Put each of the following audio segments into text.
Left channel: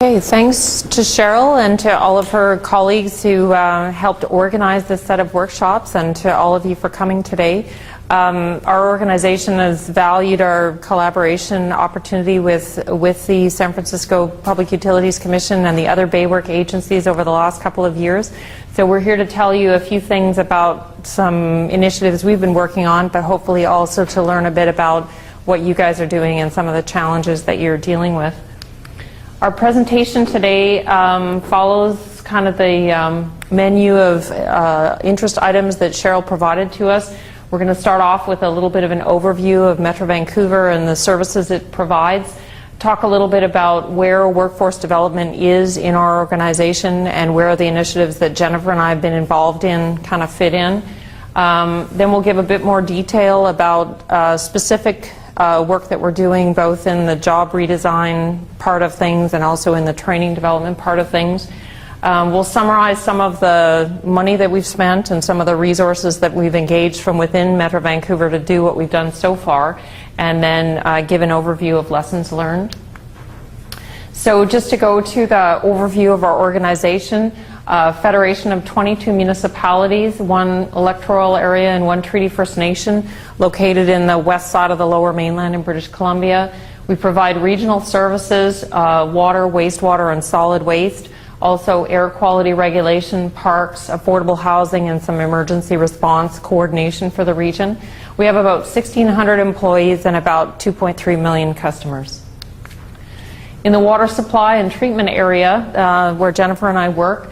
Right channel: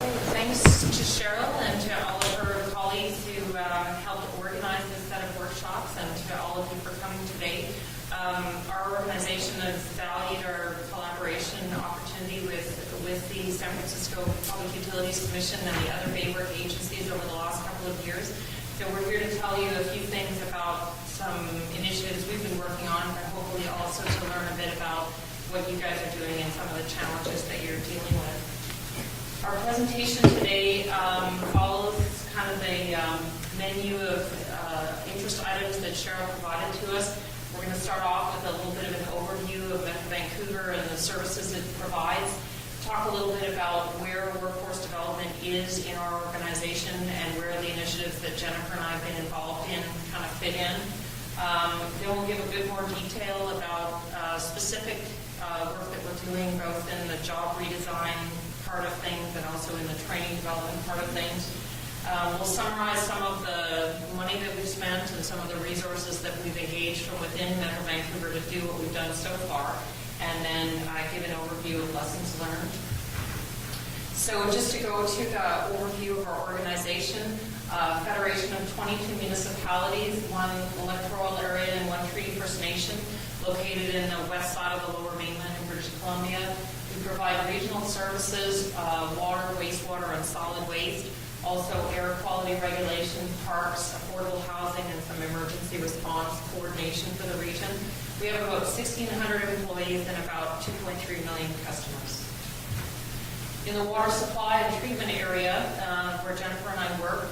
Okay, thanks to Cheryl and to all of her colleagues who helped organize this set of workshops, and to all of you for coming today. Our organization has valued our collaboration opportunity with the San Francisco Public Utilities Commission and the other Baywork agencies over the last couple of years. So we're here to tell you a few things about some initiatives we've been working on, but hopefully also to learn a bit about what you guys are doing and some of the challenges that you're dealing with. Our presentation today follows kind of the menu of interest items that Cheryl provided to us. We're going to start off with a little bit of an overview of Metro Vancouver and the services it provides, talk a little bit about where workforce development is in our organization and where the initiatives that Jennifer and I have been involved in kind of fit in. Then we'll give a bit more detail about specific work that we're doing both in the job redesign part of things and also in the training development part of things. We'll summarize some of the money that we've spent and some of the resources that we've engaged from within Metro Vancouver to do what we've done so far, and then give an overview of lessons learned. So just to go to the overview of our organization, federation of 22 municipalities, one electoral area and one Treaty First Nation, located in the west side of the Lower Mainland in British Columbia. We provide regional services, water, wastewater, and solid waste, also air quality regulation, parks, affordable housing, and some emergency response coordination for the region. We have about 1,600 employees and about 2.3 million customers. In the water supply and treatment area, where Jennifer and I work,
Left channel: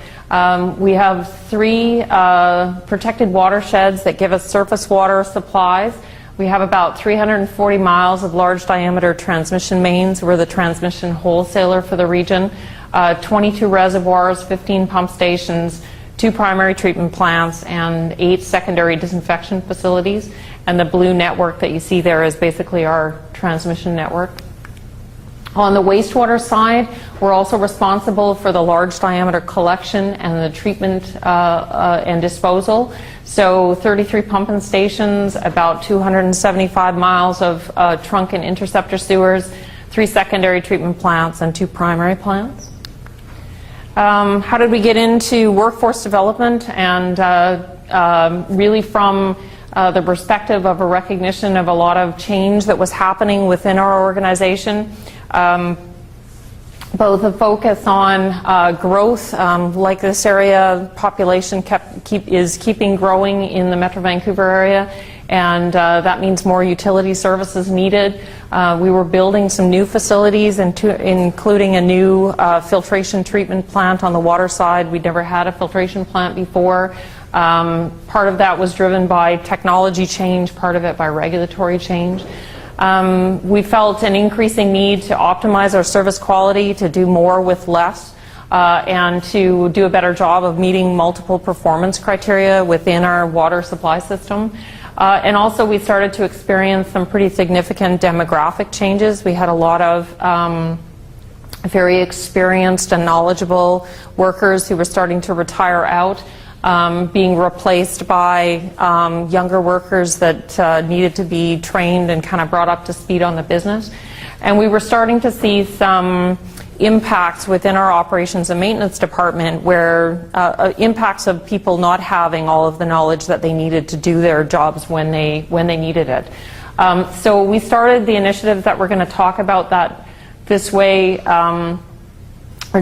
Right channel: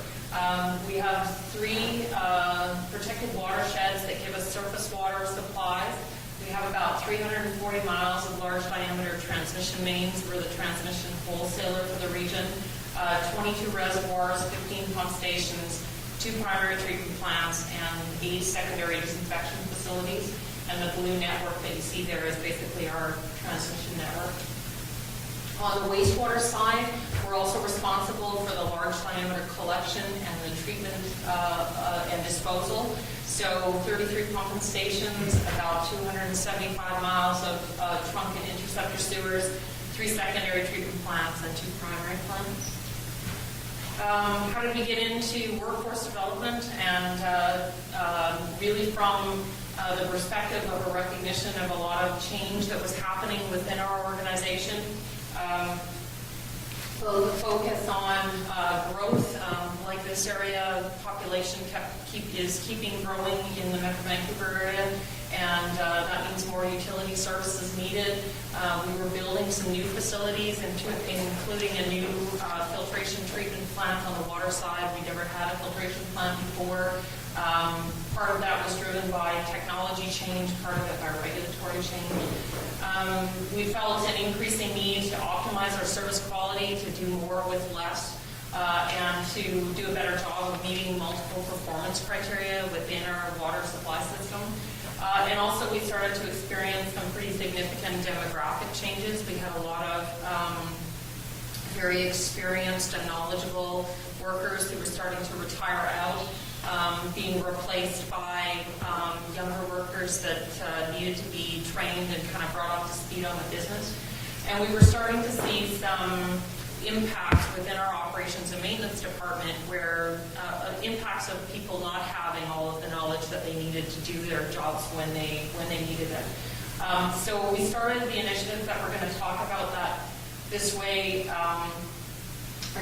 we have 3 protected watersheds that give us surface water supplies. We have about 340 miles of large diameter transmission mains. We're the transmission wholesaler for the region. 22 reservoirs, 15 pump stations, 2 primary treatment plants, and 8 secondary disinfection facilities. And the blue network that you see there is basically our transmission network. On the wastewater side, we're also responsible for the large diameter collection and the treatment and disposal. So 33 pumping stations, about 275 miles of trunk and interceptor sewers, 3 secondary treatment plants, and 2 primary plants. How did we get into workforce development? And really from the perspective of a recognition of a lot of change that was happening within our organization. Both a focus on growth, like this area, population is keeping growing in the Metro Vancouver area, and that means more utility services needed. We were building some new facilities, including a new filtration treatment plant on the water side. We'd never had a filtration plant before. Part of that was driven by technology change, part of it by regulatory change. We felt an increasing need to optimize our service quality, to do more with less, and to do a better job of meeting multiple performance criteria within our water supply system. And also we started to experience some pretty significant demographic changes. We had a lot of very experienced and knowledgeable workers who were starting to retire out, being replaced by younger workers that needed to be trained and kind of brought up to speed on the business. And we were starting to see some impacts within our operations and maintenance department where impacts of people not having all of the knowledge that they needed to do their jobs when they needed it. So we started the initiatives that we're going to talk about that this way or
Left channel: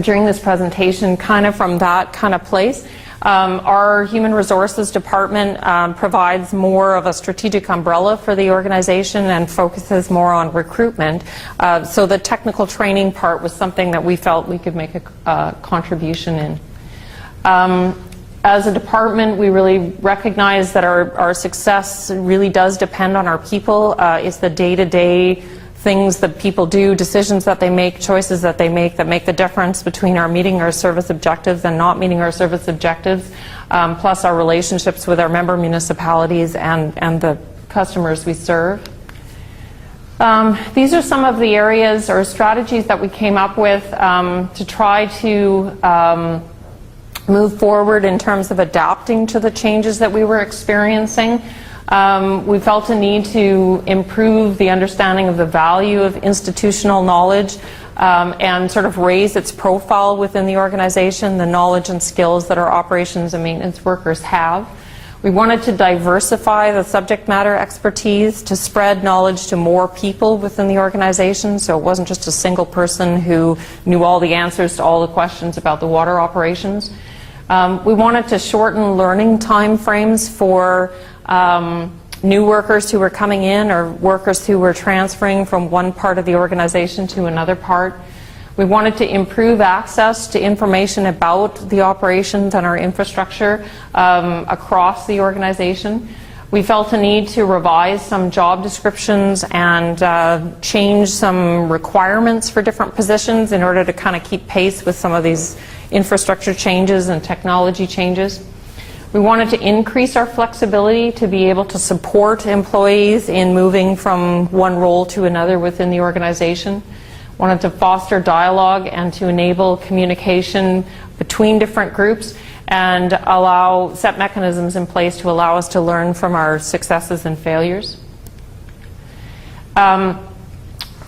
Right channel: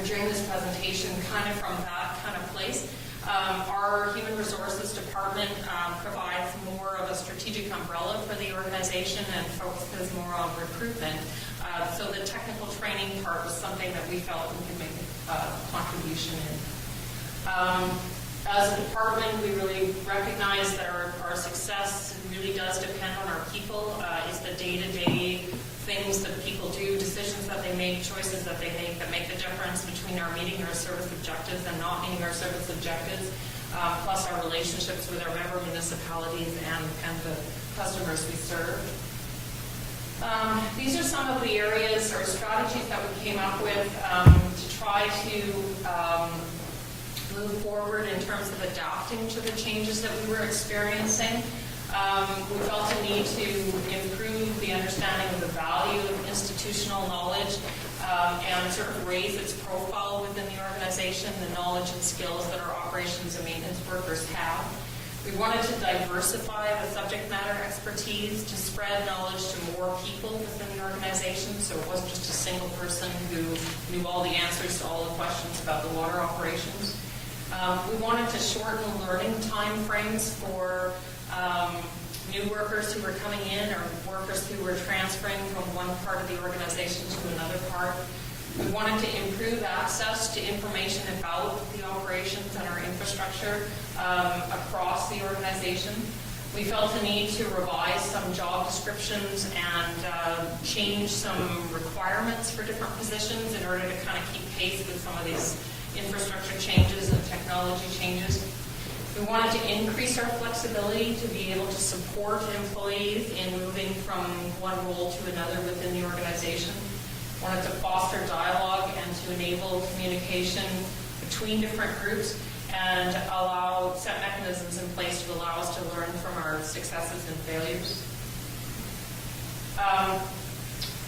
during this presentation, kind of from that kind of place. Our Human Resources Department provides more of a strategic umbrella for the organization and focuses more on recruitment. So the technical training part was something that we felt we could make a contribution in. As a department, we really recognize that our success really does depend on our people. It's the day-to-day things that people do, decisions that they make, choices that make the difference between our meeting our service objectives and not meeting our service objectives, plus our relationships with our member municipalities and the customers we serve. These are some of the areas or strategies that we came up with to try to move forward in terms of adapting to the changes that we were experiencing. We felt a need to improve the understanding of the value of institutional knowledge and sort of raise its profile within the organization, the knowledge and skills that our operations and maintenance workers have. We wanted to diversify the subject matter expertise to spread knowledge to more people within the organization, so it wasn't just a single person who knew all the answers to all the questions about the water operations. We wanted to shorten learning time frames for new workers who were coming in or workers who were transferring from one part of the organization to another part. We wanted to improve access to information about the operations and our infrastructure across the organization. We felt a need to revise some job descriptions and change some requirements for different positions in order to kind of keep pace with some of these infrastructure changes and technology changes. We wanted to increase our flexibility to be able to support employees in moving from one role to another within the organization. Wanted to foster dialogue and to enable communication between different groups and set mechanisms in place to allow us to learn from our successes and failures. From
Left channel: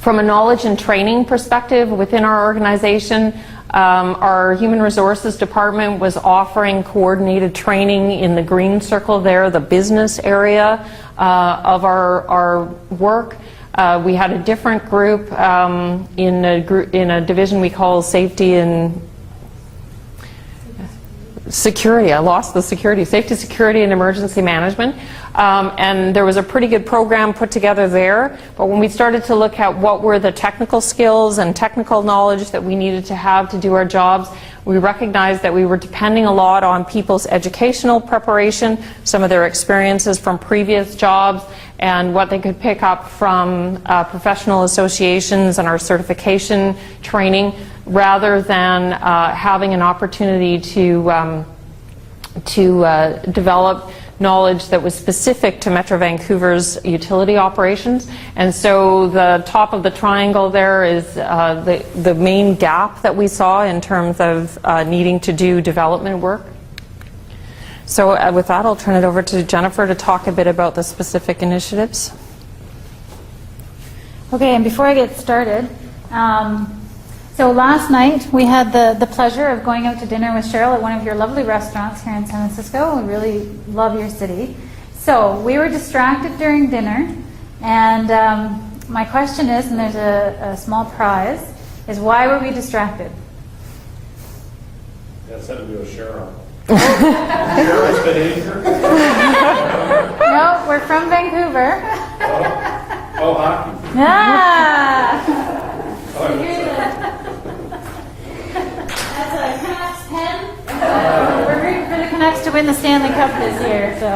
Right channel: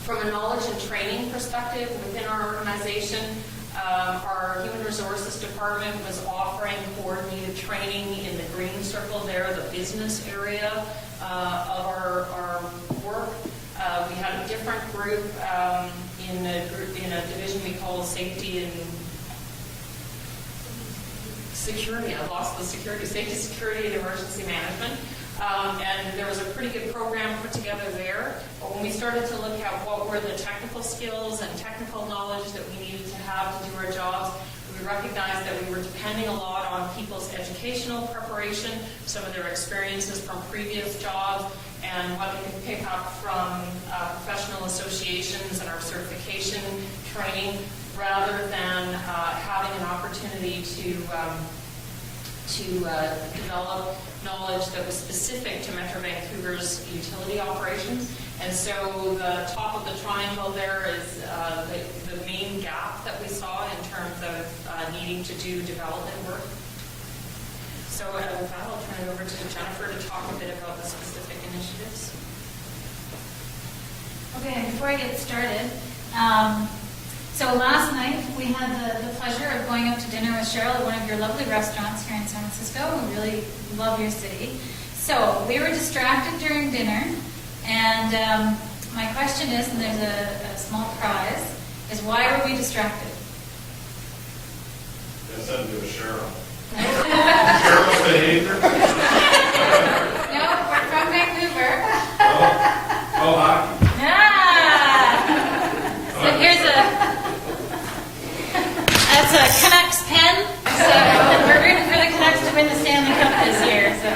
a knowledge and training perspective within our organization, our Human Resources Department was offering coordinated training in the green circle there, the business area of our work. We had a different group in a division we call Safety and Security. I lost the security. Safety, Security, and Emergency Management. And there was a pretty good program put together there. But when we started to look at what were the technical skills and technical knowledge that we needed to have to do our jobs, we recognized that we were depending a lot on people's educational preparation, some of their experiences from previous jobs, and what they could pick up from professional associations and our certification training, rather than having an opportunity to develop knowledge that was specific to Metro Vancouver's utility operations. And so the top of the triangle there is the main gap that we saw in terms of needing to do development work. So with that, I'll turn it over to Jennifer to talk a bit about the specific initiatives. Okay, and before I get started, so last night we had the pleasure of going out to dinner with Cheryl at one of your lovely restaurants here in San Francisco. We really love your city. So we were distracted during dinner, and my question is, and there's a small prize, is why were we distracted? That's something to do with Cheryl. Cheryl's been here? No, we're from Vancouver. Oh, hockey. Ah! So here's that's a Canucks pen. So we're rooting for the Canucks to win the Stanley Cup this year. So.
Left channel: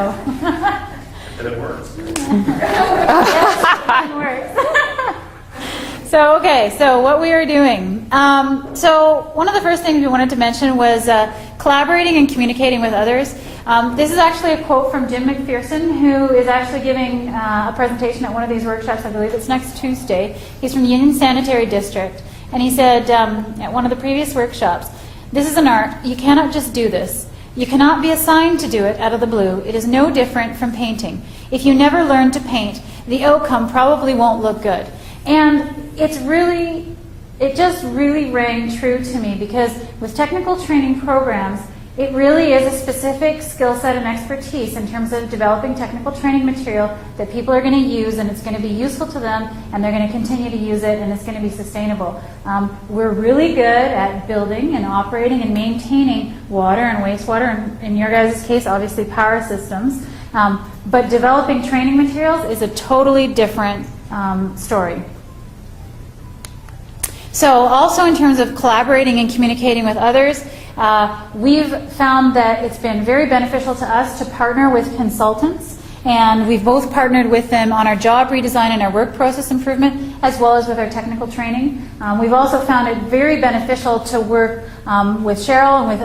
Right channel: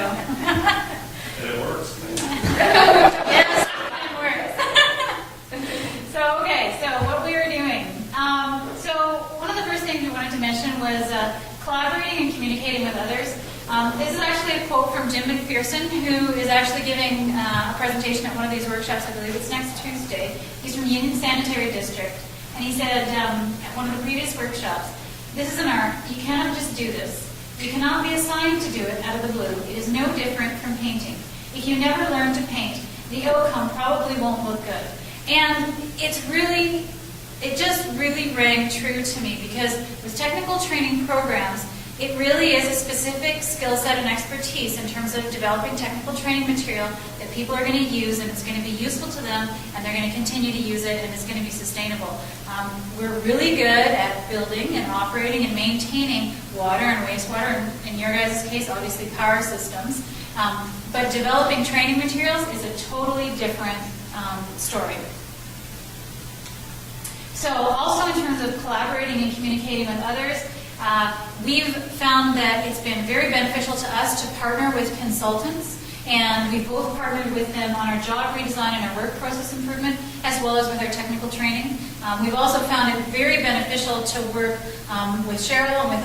And it works. Yes, it works. So okay, so what we were doing. So one of the first things we wanted to mention was collaborating and communicating with others. This is actually a quote from Jim McPherson, who is actually giving a presentation at one of these workshops. I believe it's next Tuesday. He's from the Union Sanitary District. And he said at one of the previous workshops, "This is an art. You cannot just do this. You cannot be assigned to do it out of the blue. It is no different from painting. If you never learn to paint, the outcome probably won't look good." And it just really rang true to me, because with technical training programs, it really is a specific skill set and expertise in terms of developing technical training material that people are going to use, and it's going to be useful to them, and they're going to continue to use it, and it's going to be sustainable. We're really good at building and operating and maintaining water and wastewater, and in your guys' case, obviously power systems. But developing training materials is a totally different story. So also in terms of collaborating and communicating with others, we've found that it's been very beneficial to us to partner with consultants, and we've both partnered with them on our job redesign and our work process improvement, as well as with our technical training. We've also found it very beneficial to work with Cheryl and with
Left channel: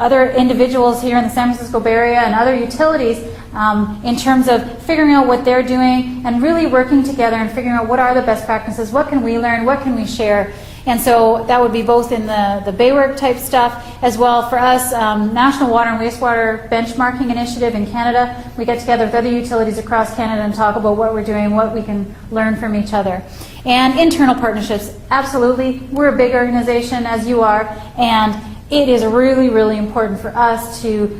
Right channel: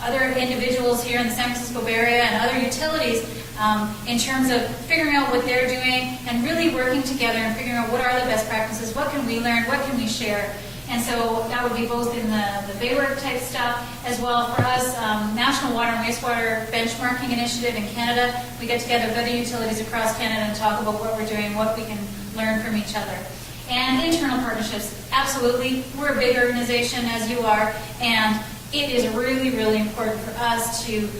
other individuals here in the San Francisco Bay Area and other utilities in terms of figuring out what they're doing and really working together and figuring out what are the best practices, what can we learn, what can we share. And so that would be both in the Baywork type stuff, as well for us, National Water and Wastewater Benchmarking Initiative in Canada. We get together with other utilities across Canada and talk about what we're doing, what we can learn from each other. And internal partnerships, absolutely. We're a big organization, as you are, and it is really, really important for us to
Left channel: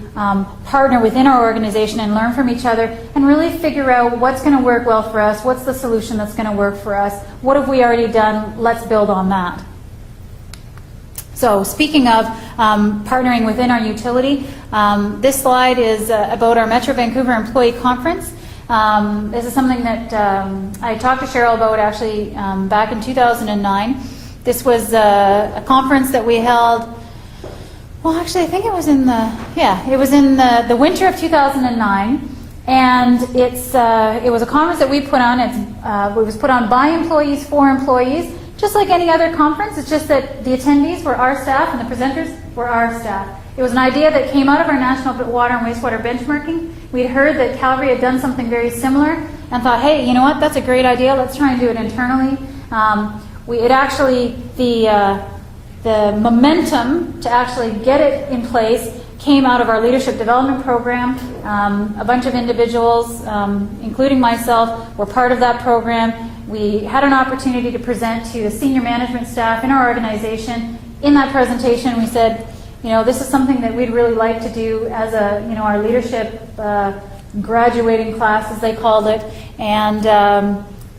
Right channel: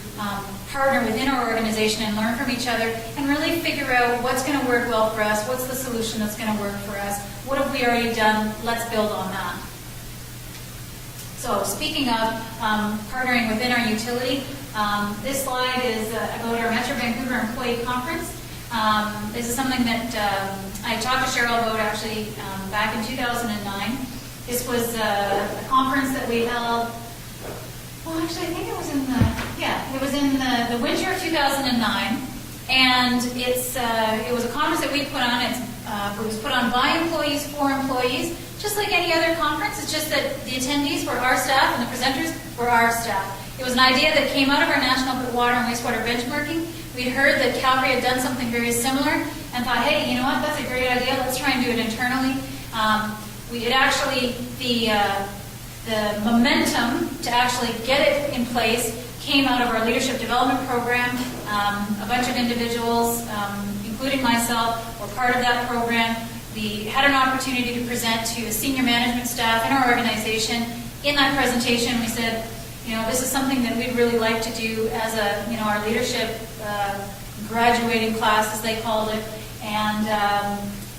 partner within our organization and learn from each other and really figure out what's going to work well for us, what's the solution that's going to work for us, what have we already done, let's build on that. So speaking of partnering within our utility, this slide is about our Metro Vancouver Employee Conference. This is something that I talked to Cheryl about actually back in 2009. This was a conference that we held. Well, actually, I think it was in the winter of 2009, and it was a conference that we put on. It was put on by employees for employees, just like any other conference. It's just that the attendees were our staff and the presenters were our staff. It was an idea that came out of our national water and wastewater benchmarking. We'd heard that Calgary had done something very similar and thought, hey, you know what? That's a great idea. Let's try and do it internally. The momentum to actually get it in place came out of our leadership development program. A bunch of individuals, including myself, were part of that program. We had an opportunity to present to a senior management staff in our organization. In that presentation, we said, this is something that we'd really like to do as our leadership graduating class, as they called it, and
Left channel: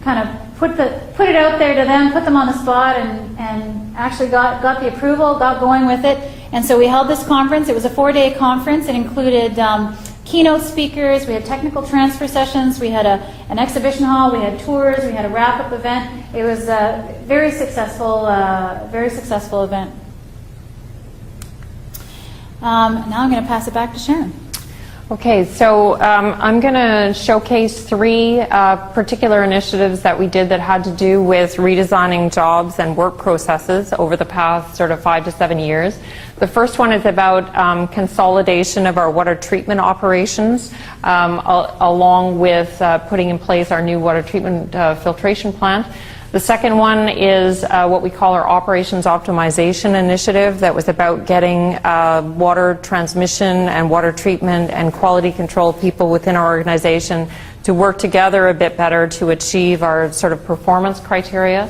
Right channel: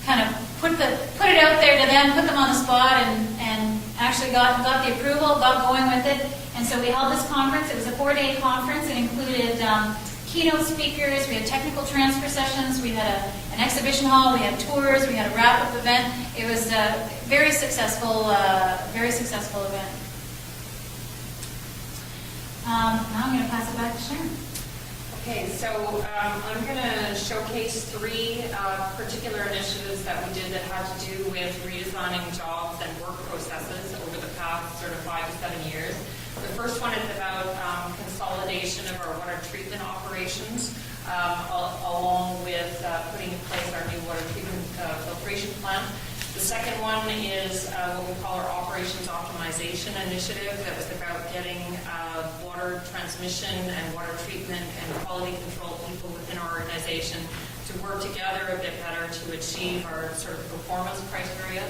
kind of put it out there to them, put them on the spot, and actually got the approval, got going with it. And so we held this conference. It was a 4-day conference. It included keynote speakers. We had technical transfer sessions. We had an exhibition hall. We had tours. We had a wrap-up event. It was a very successful event. Now I'm going to pass it back to Sharon. Okay, so I'm going to showcase 3 particular initiatives that we did that had to do with redesigning jobs and work processes over the past sort of 5 to 7 years. The first one is about consolidation of our water treatment operations, along with putting in place our new water treatment filtration plant. The second one is what we call our Operations Optimization Initiative that was about getting water transmission and water treatment and quality control people within our organization to work together a bit better to achieve our sort of performance criteria.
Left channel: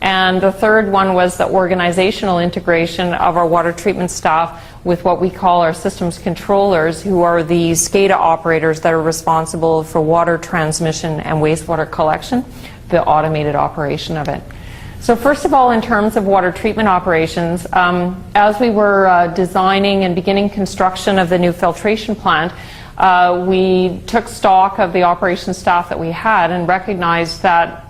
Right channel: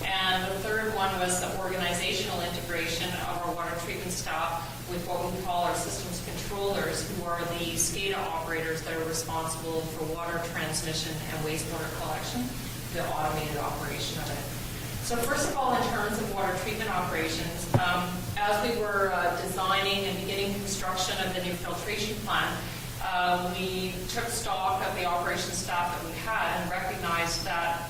And the third one was the organizational integration of our water treatment staff with what we call our systems controllers, who are the SCADA operators that are responsible for water transmission and wastewater collection, the automated operation of it. So first of all, in terms of water treatment operations, as we were designing and beginning construction of the new filtration plant, we took stock of the operations staff that we had and recognized that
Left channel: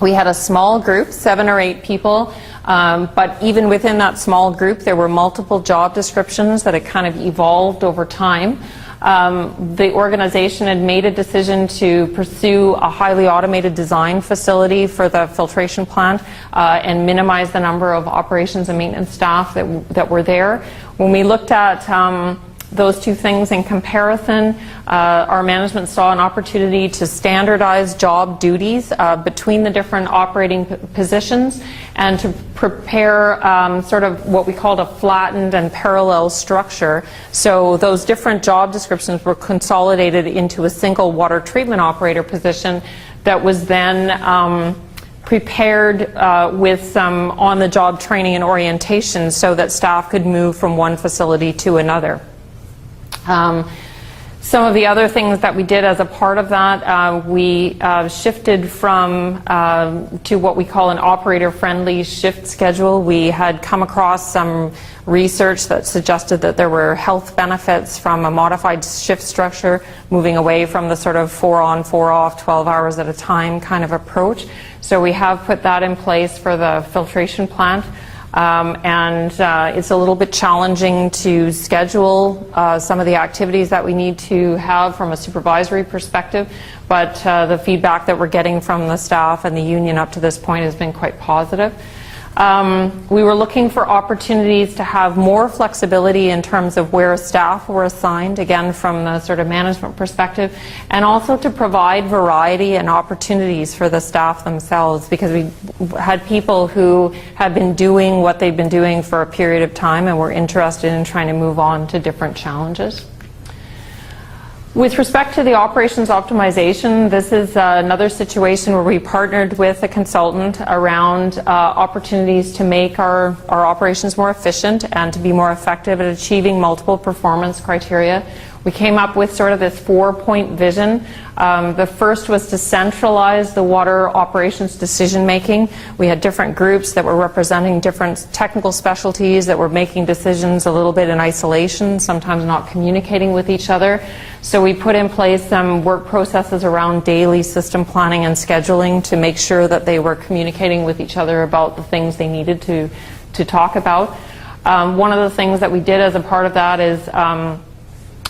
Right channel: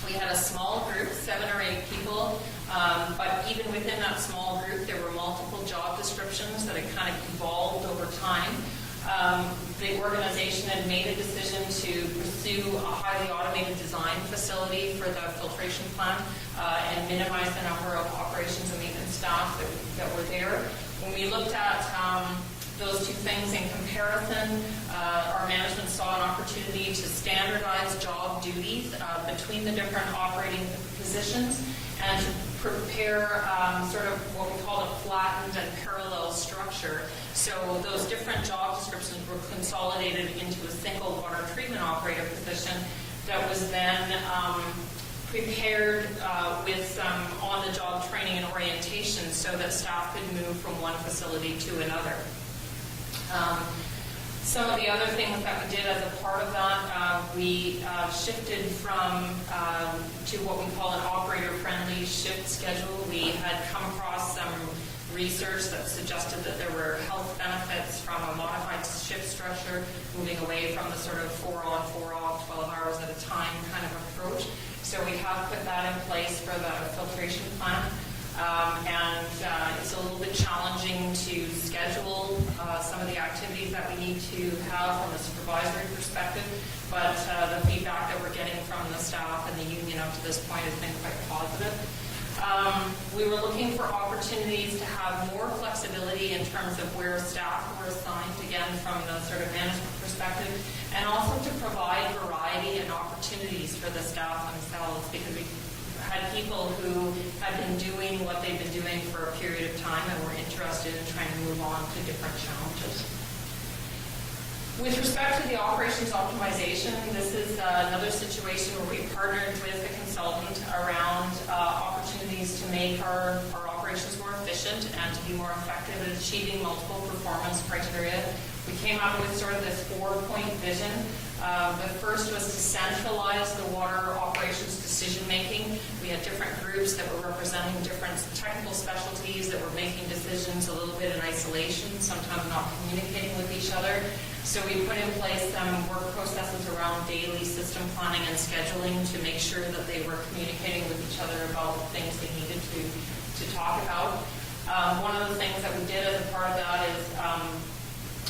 we had a small group, 7 or 8 people, but even within that small group there were multiple job descriptions that had kind of evolved over time. The organization had made a decision to pursue a highly automated design facility for the filtration plant and minimize the number of operations and maintenance staff that were there. When we looked at those 2 things in comparison, our management saw an opportunity to standardize job duties between the different operating positions and to prepare sort of what we called a flattened and parallel structure. So those different job descriptions were consolidated into a single water treatment operator position that was then prepared with some on-the-job training and orientation so that staff could move from one facility to another. Some of the other things that we did as a part of that, we shifted from to what we call an operator-friendly shift schedule. We had come across some research that suggested that there were health benefits from a modified shift structure, moving away from the sort of 4 on, 4 off, 12 hours at a time kind of approach. So we have put that in place for the filtration plant. It's a little bit challenging to schedule some of the activities that we need to have from a supervisory perspective, but the feedback that we're getting from the staff and the union up to this point has been quite positive. We were looking for opportunities to have more flexibility in terms of where staff were assigned, again from the sort of management perspective, and also to provide variety and opportunities for the staff themselves, because we had people who had been doing what they'd been doing for a period of time and were interested in trying to move on to different challenges. With respect to the operations optimization, this is another situation where we partnered with a consultant around opportunities to make our operations more efficient and to be more effective at achieving multiple performance criteria. We came up with sort of this 4-point vision. The first was to centralize the water operations decision making. We had different groups that were representing different technical specialties that were making decisions a little bit in isolation, sometimes not communicating with each other. So we put in place some work processes around daily system planning and scheduling to make sure that they were communicating with each other about the things they needed to talk about. One of the things that we did as a part of that is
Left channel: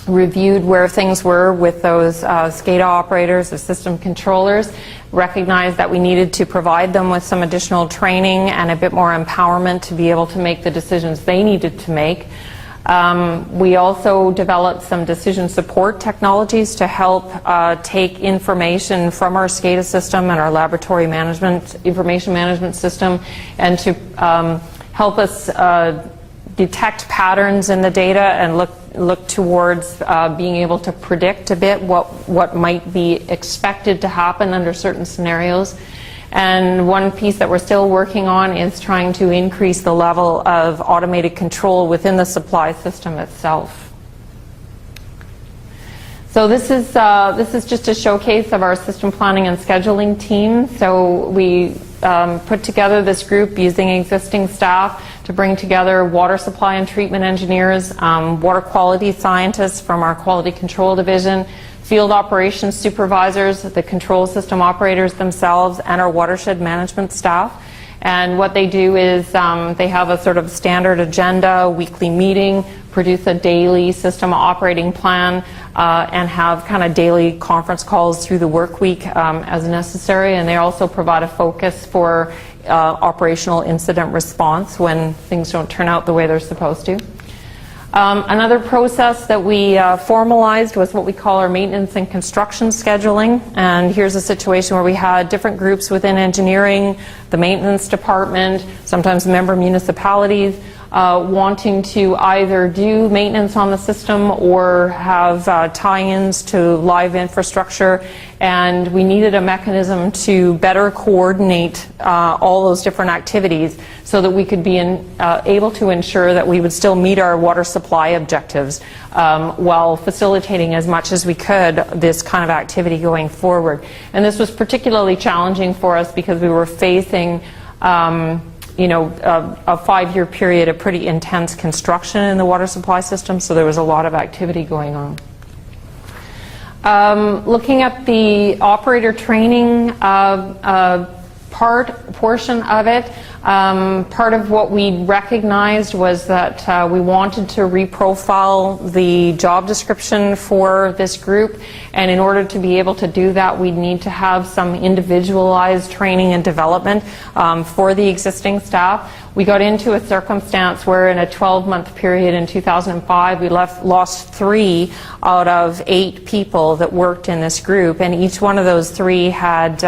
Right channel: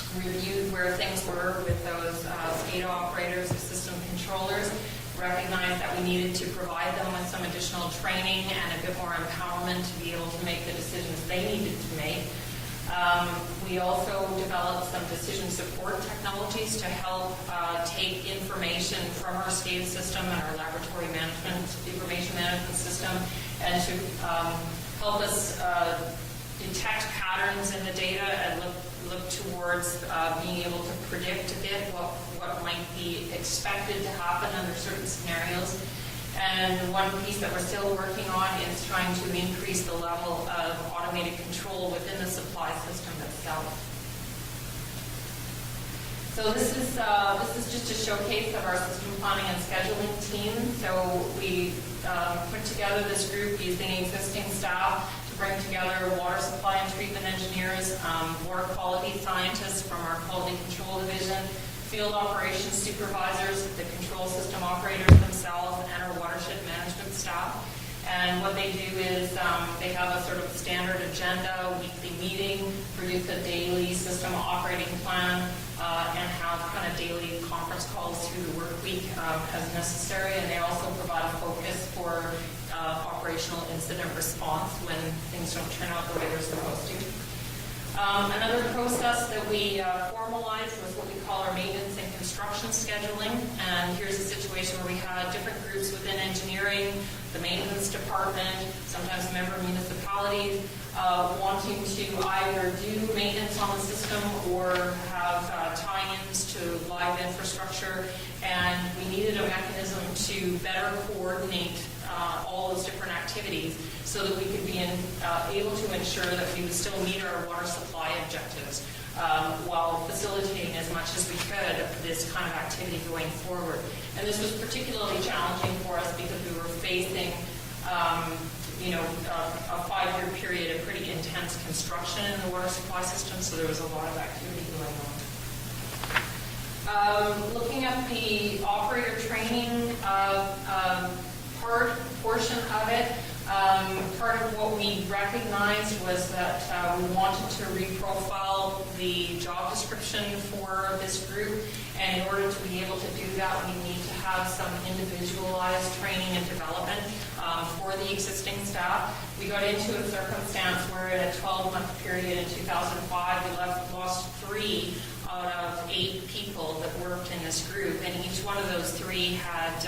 reviewed where things were with those SCADA operators or system controllers, recognized that we needed to provide them with some additional training and a bit more empowerment to be able to make the decisions they needed to make. We also developed some decision support technologies to help take information from our SCADA system and our laboratory management, information management system, and to help us detect patterns in the data and look towards being able to predict a bit what might be expected to happen under certain scenarios. And one piece that we're still working on is trying to increase the level of automated control within the supply system itself. So this is just a showcase of our system planning and scheduling team. So we put together this group using existing staff to bring together water supply and treatment engineers, water quality scientists from our quality control division, field operations supervisors, the control system operators themselves, and our watershed management staff. And what they do is they have a sort of standard agenda, weekly meeting, produce a daily system operating plan, and have kind of daily conference calls through the work week as necessary. And they also provide a focus for operational incident response when things don't turn out the way they're supposed to. Another process that we formalized was what we call our maintenance and construction scheduling. And here's a situation where we had different groups within engineering, the maintenance department, sometimes member municipalities, wanting to either do maintenance on the system or have tie-ins to live infrastructure. And we needed a mechanism to better coordinate all those different activities so that we could be able to ensure that we would still meet our water supply objectives while facilitating as much as we could this kind of activity going forward. And this was particularly challenging for us because we were facing a 5-year period of pretty intense construction in the water supply system, so there was a lot of activity going on. Looking at the operator training portion of it, part of what we recognized was that we wanted to reprofile the job description for this group, and in order to be able to do that, we need to have some individualized training and development for the existing staff. We got into a circumstance where in a 12-month period in 2005, we lost 3 out of 8 people that worked in this group, and each one of those 3 had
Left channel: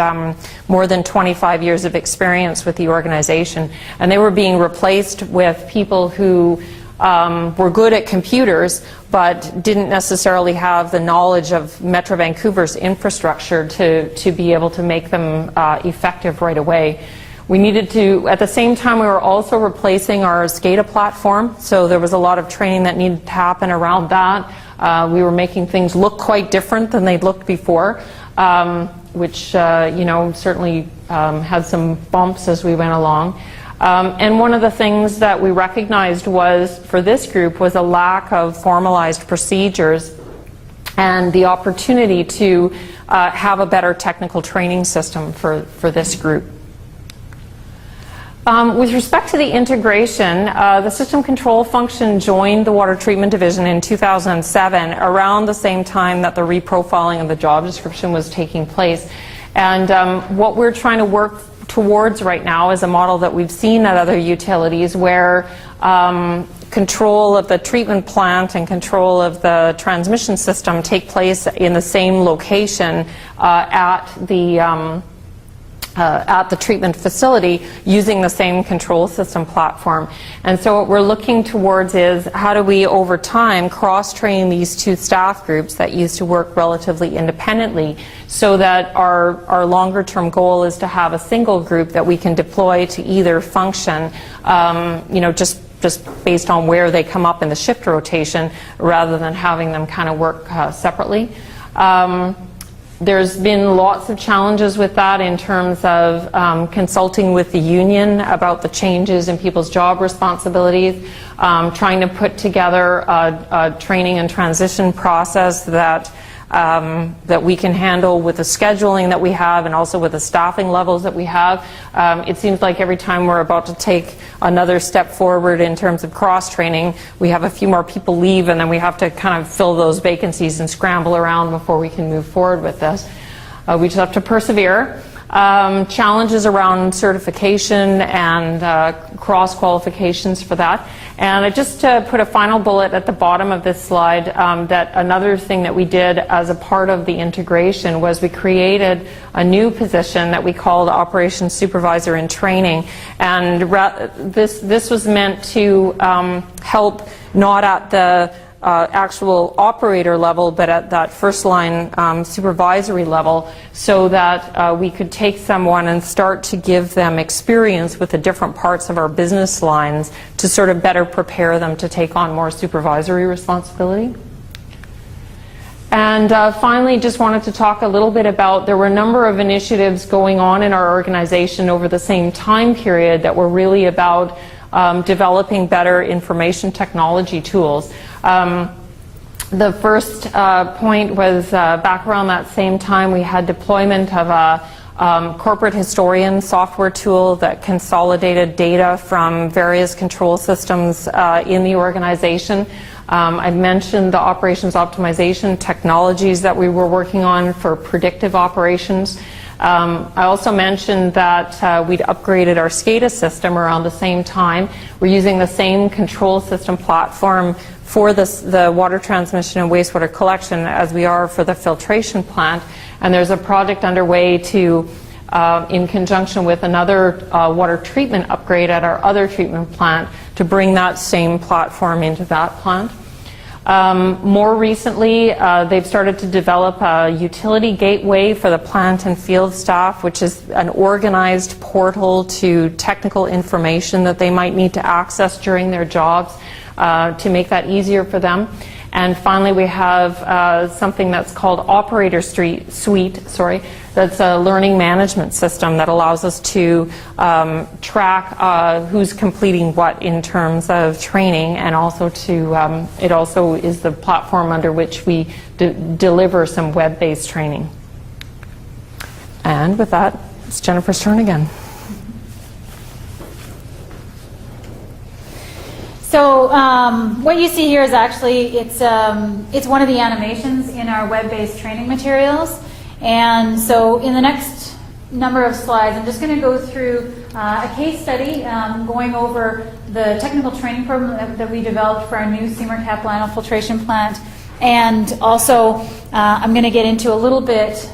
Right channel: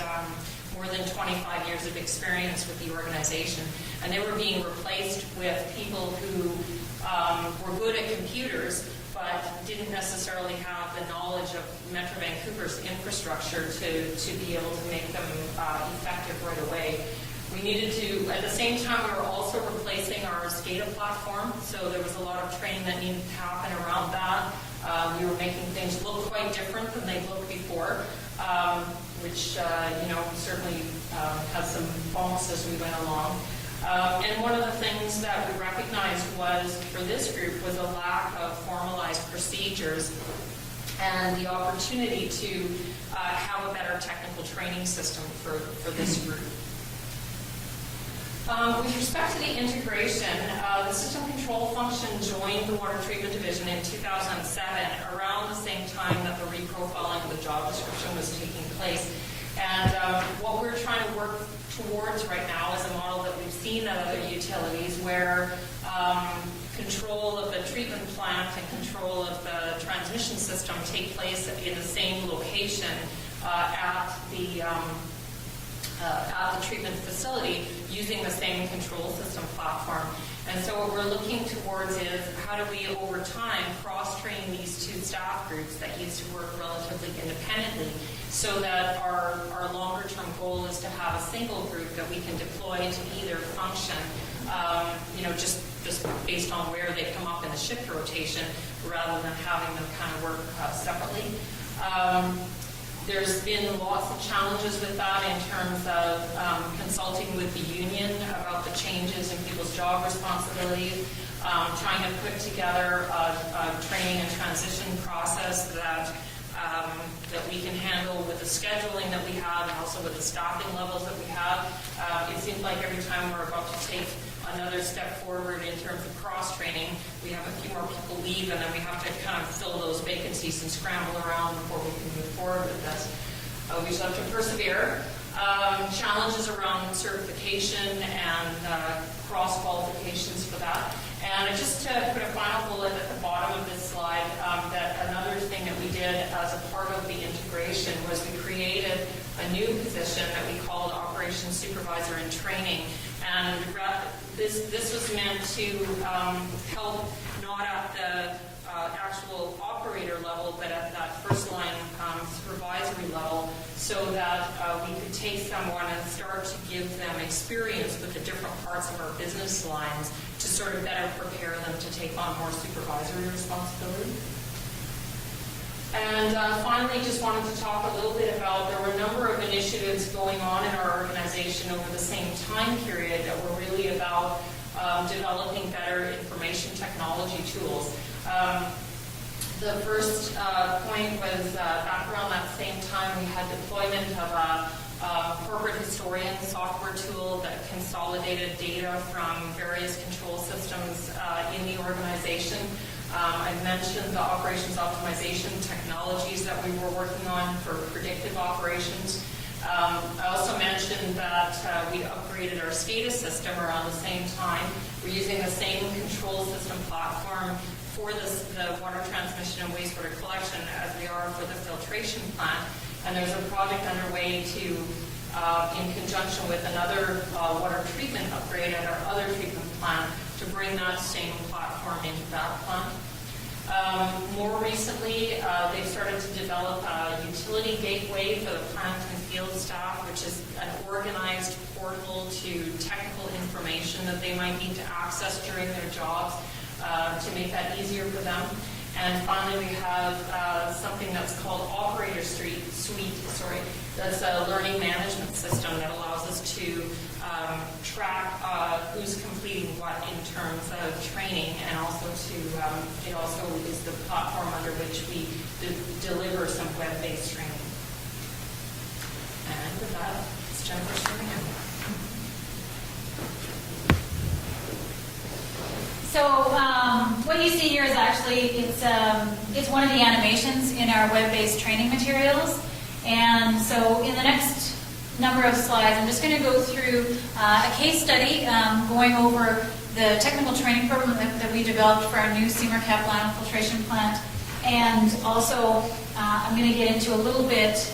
more than 25 years of experience with the organization. And they were being replaced with people who were good at computers but didn't necessarily have the knowledge of Metro Vancouver's infrastructure to be able to make them effective right away. We needed to, at the same time, we were also replacing our SCADA platform, so there was a lot of training that needed to happen around that. We were making things look quite different than they'd looked before, which certainly had some bumps as we went along. And one of the things that we recognized was, for this group, was a lack of formalized procedures and the opportunity to have a better technical training system for this group. With respect to the integration, the system control function joined the water treatment division in 2007, around the same time that the reprofiling of the job description was taking place. And what we're trying to work towards right now is a model that we've seen at other utilities where control of the treatment plant and control of the transmission system take place in the same location at at the treatment facility using the same control system platform. And so what we're looking towards is how do we over time cross-train these two staff groups that used to work relatively independently, so that our longer term goal is to have a single group that we can deploy to either function, just based on where they come up in the shift rotation, rather than having them kind of work separately. There's been lots of challenges with that in terms of consulting with the union about the changes in people's job responsibilities, trying to put together a training and transition process that we can handle with the scheduling that we have and also with the staffing levels that we have. It seems like every time we're about to take another step forward in terms of cross-training, we have a few more people leave, and then we have to kind of fill those vacancies and scramble around before we can move forward with this. We just have to persevere. Challenges around certification and cross-qualifications for that. And I just put a final bullet at the bottom of this slide, that another thing that we did as a part of the integration was we created a new position that we called Operations Supervisor in Training. And this was meant to help not at the actual operator level, but at that first line supervisory level, so that we could take someone and start to give them experience with the different parts of our business lines to sort of better prepare them to take on more supervisory responsibility. And finally, just wanted to talk a little bit about, there were a number of initiatives going on in our organization over the same time period that were really about developing better information technology tools. The first point was back around that same time we had deployment of a corporate historian software tool that consolidated data from various control systems in the organization. I mentioned the operations optimization technologies that we were working on for predictive operations. I also mentioned that we'd upgraded our SCADA system around the same time. We're using the same control system platform for the water transmission and wastewater collection as we are for the filtration plant. And there's a project underway to, in conjunction with another water treatment upgrade at our other treatment plant, to bring that same platform into that plant. More recently, they've started to develop a utility gateway for the plant and field staff, which is an organized portal to technical information that they might need to access during their jobs, to make that easier for them. And finally, we have something that's called Operator Suite, that's a learning management system that allows us to track who's completing what in terms of training, and also to, it also is the platform under which we deliver some web-based training. And with that, it's Jennifer's turn again. So what you see here is actually, it's one of the animations in our web-based training materials. And so in the next number of slides, I'm just going to go through a case study going over the technical training program that we developed for our new Seymour Capilano filtration plant. And also I'm going to get into a little bit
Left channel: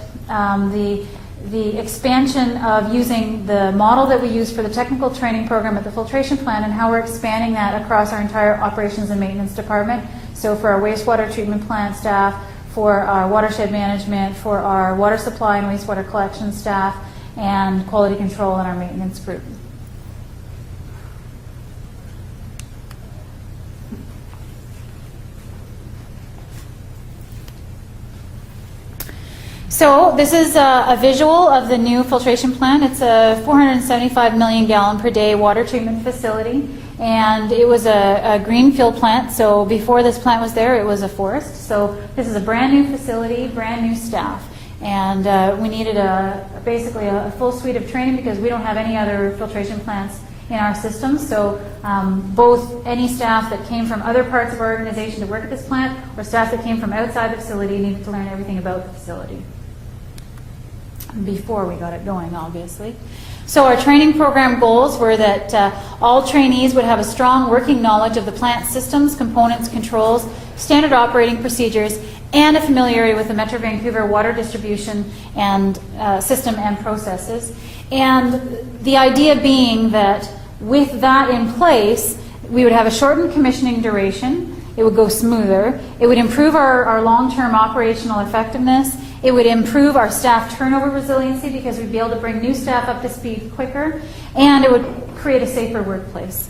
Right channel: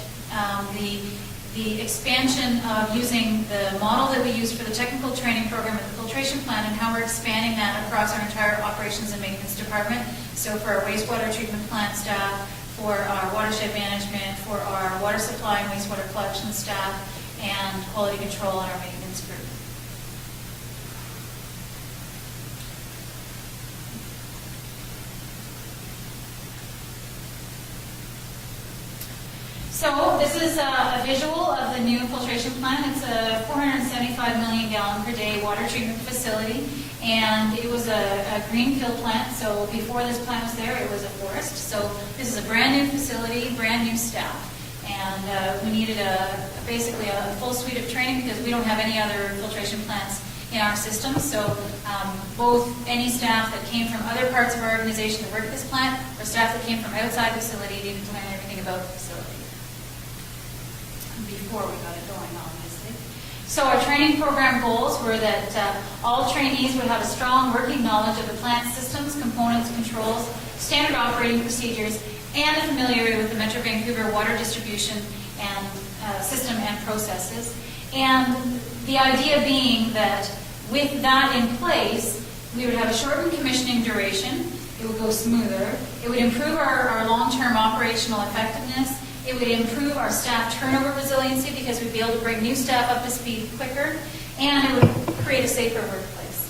the expansion of using the model that we use for the technical training program at the filtration plant, and how we're expanding that across our entire operations and maintenance department. So for our wastewater treatment plant staff, for our watershed management, for our water supply and wastewater collection staff, and quality control in our maintenance group. So this is a visual of the new filtration plant. It's a 475 million gallon per day water treatment facility, and it was a greenfield plant. So before this plant was there, it was a forest. So this is a brand new facility, brand new staff, and we needed basically a full suite of training because we don't have any other filtration plants in our system. So both any staff that came from other parts of our organization to work at this plant, or staff that came from outside the facility, needed to learn everything about the facility before we got it going, obviously. So our training program goals were that all trainees would have a strong working knowledge of the plant systems, components, controls, standard operating procedures, and a familiarity with the Metro Vancouver water distribution and system and processes. And the idea being that with that in place, we would have a shortened commissioning duration. It would go smoother. It would improve our long-term operational effectiveness. It would improve our staff turnover resiliency because we'd be able to bring new staff up to speed quicker. And it would create a safer workplace.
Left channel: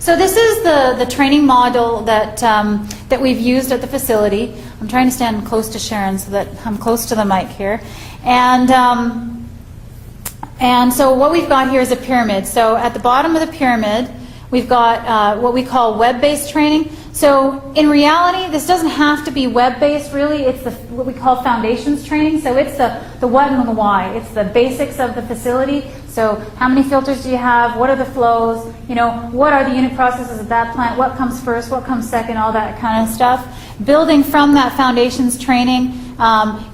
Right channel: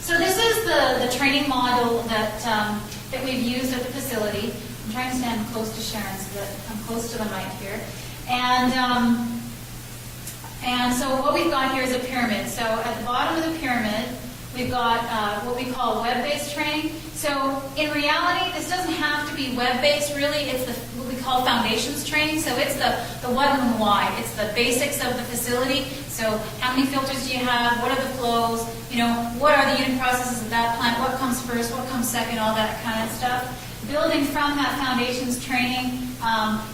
So this is the training model that we've used at the facility. I'm trying to stand close to Sharon so that I'm close to the mic here. And so what we've got here is a pyramid. So at the bottom of the pyramid, we've got what we call web-based training. So in reality, this doesn't have to be web-based, really. It's what we call foundations training. So it's the what and the why. It's the basics of the facility. So how many filters do you have? What are the flows? You know, what are the unit processes at that plant? What comes first? What comes second? All that kind of stuff. Building from that foundations training,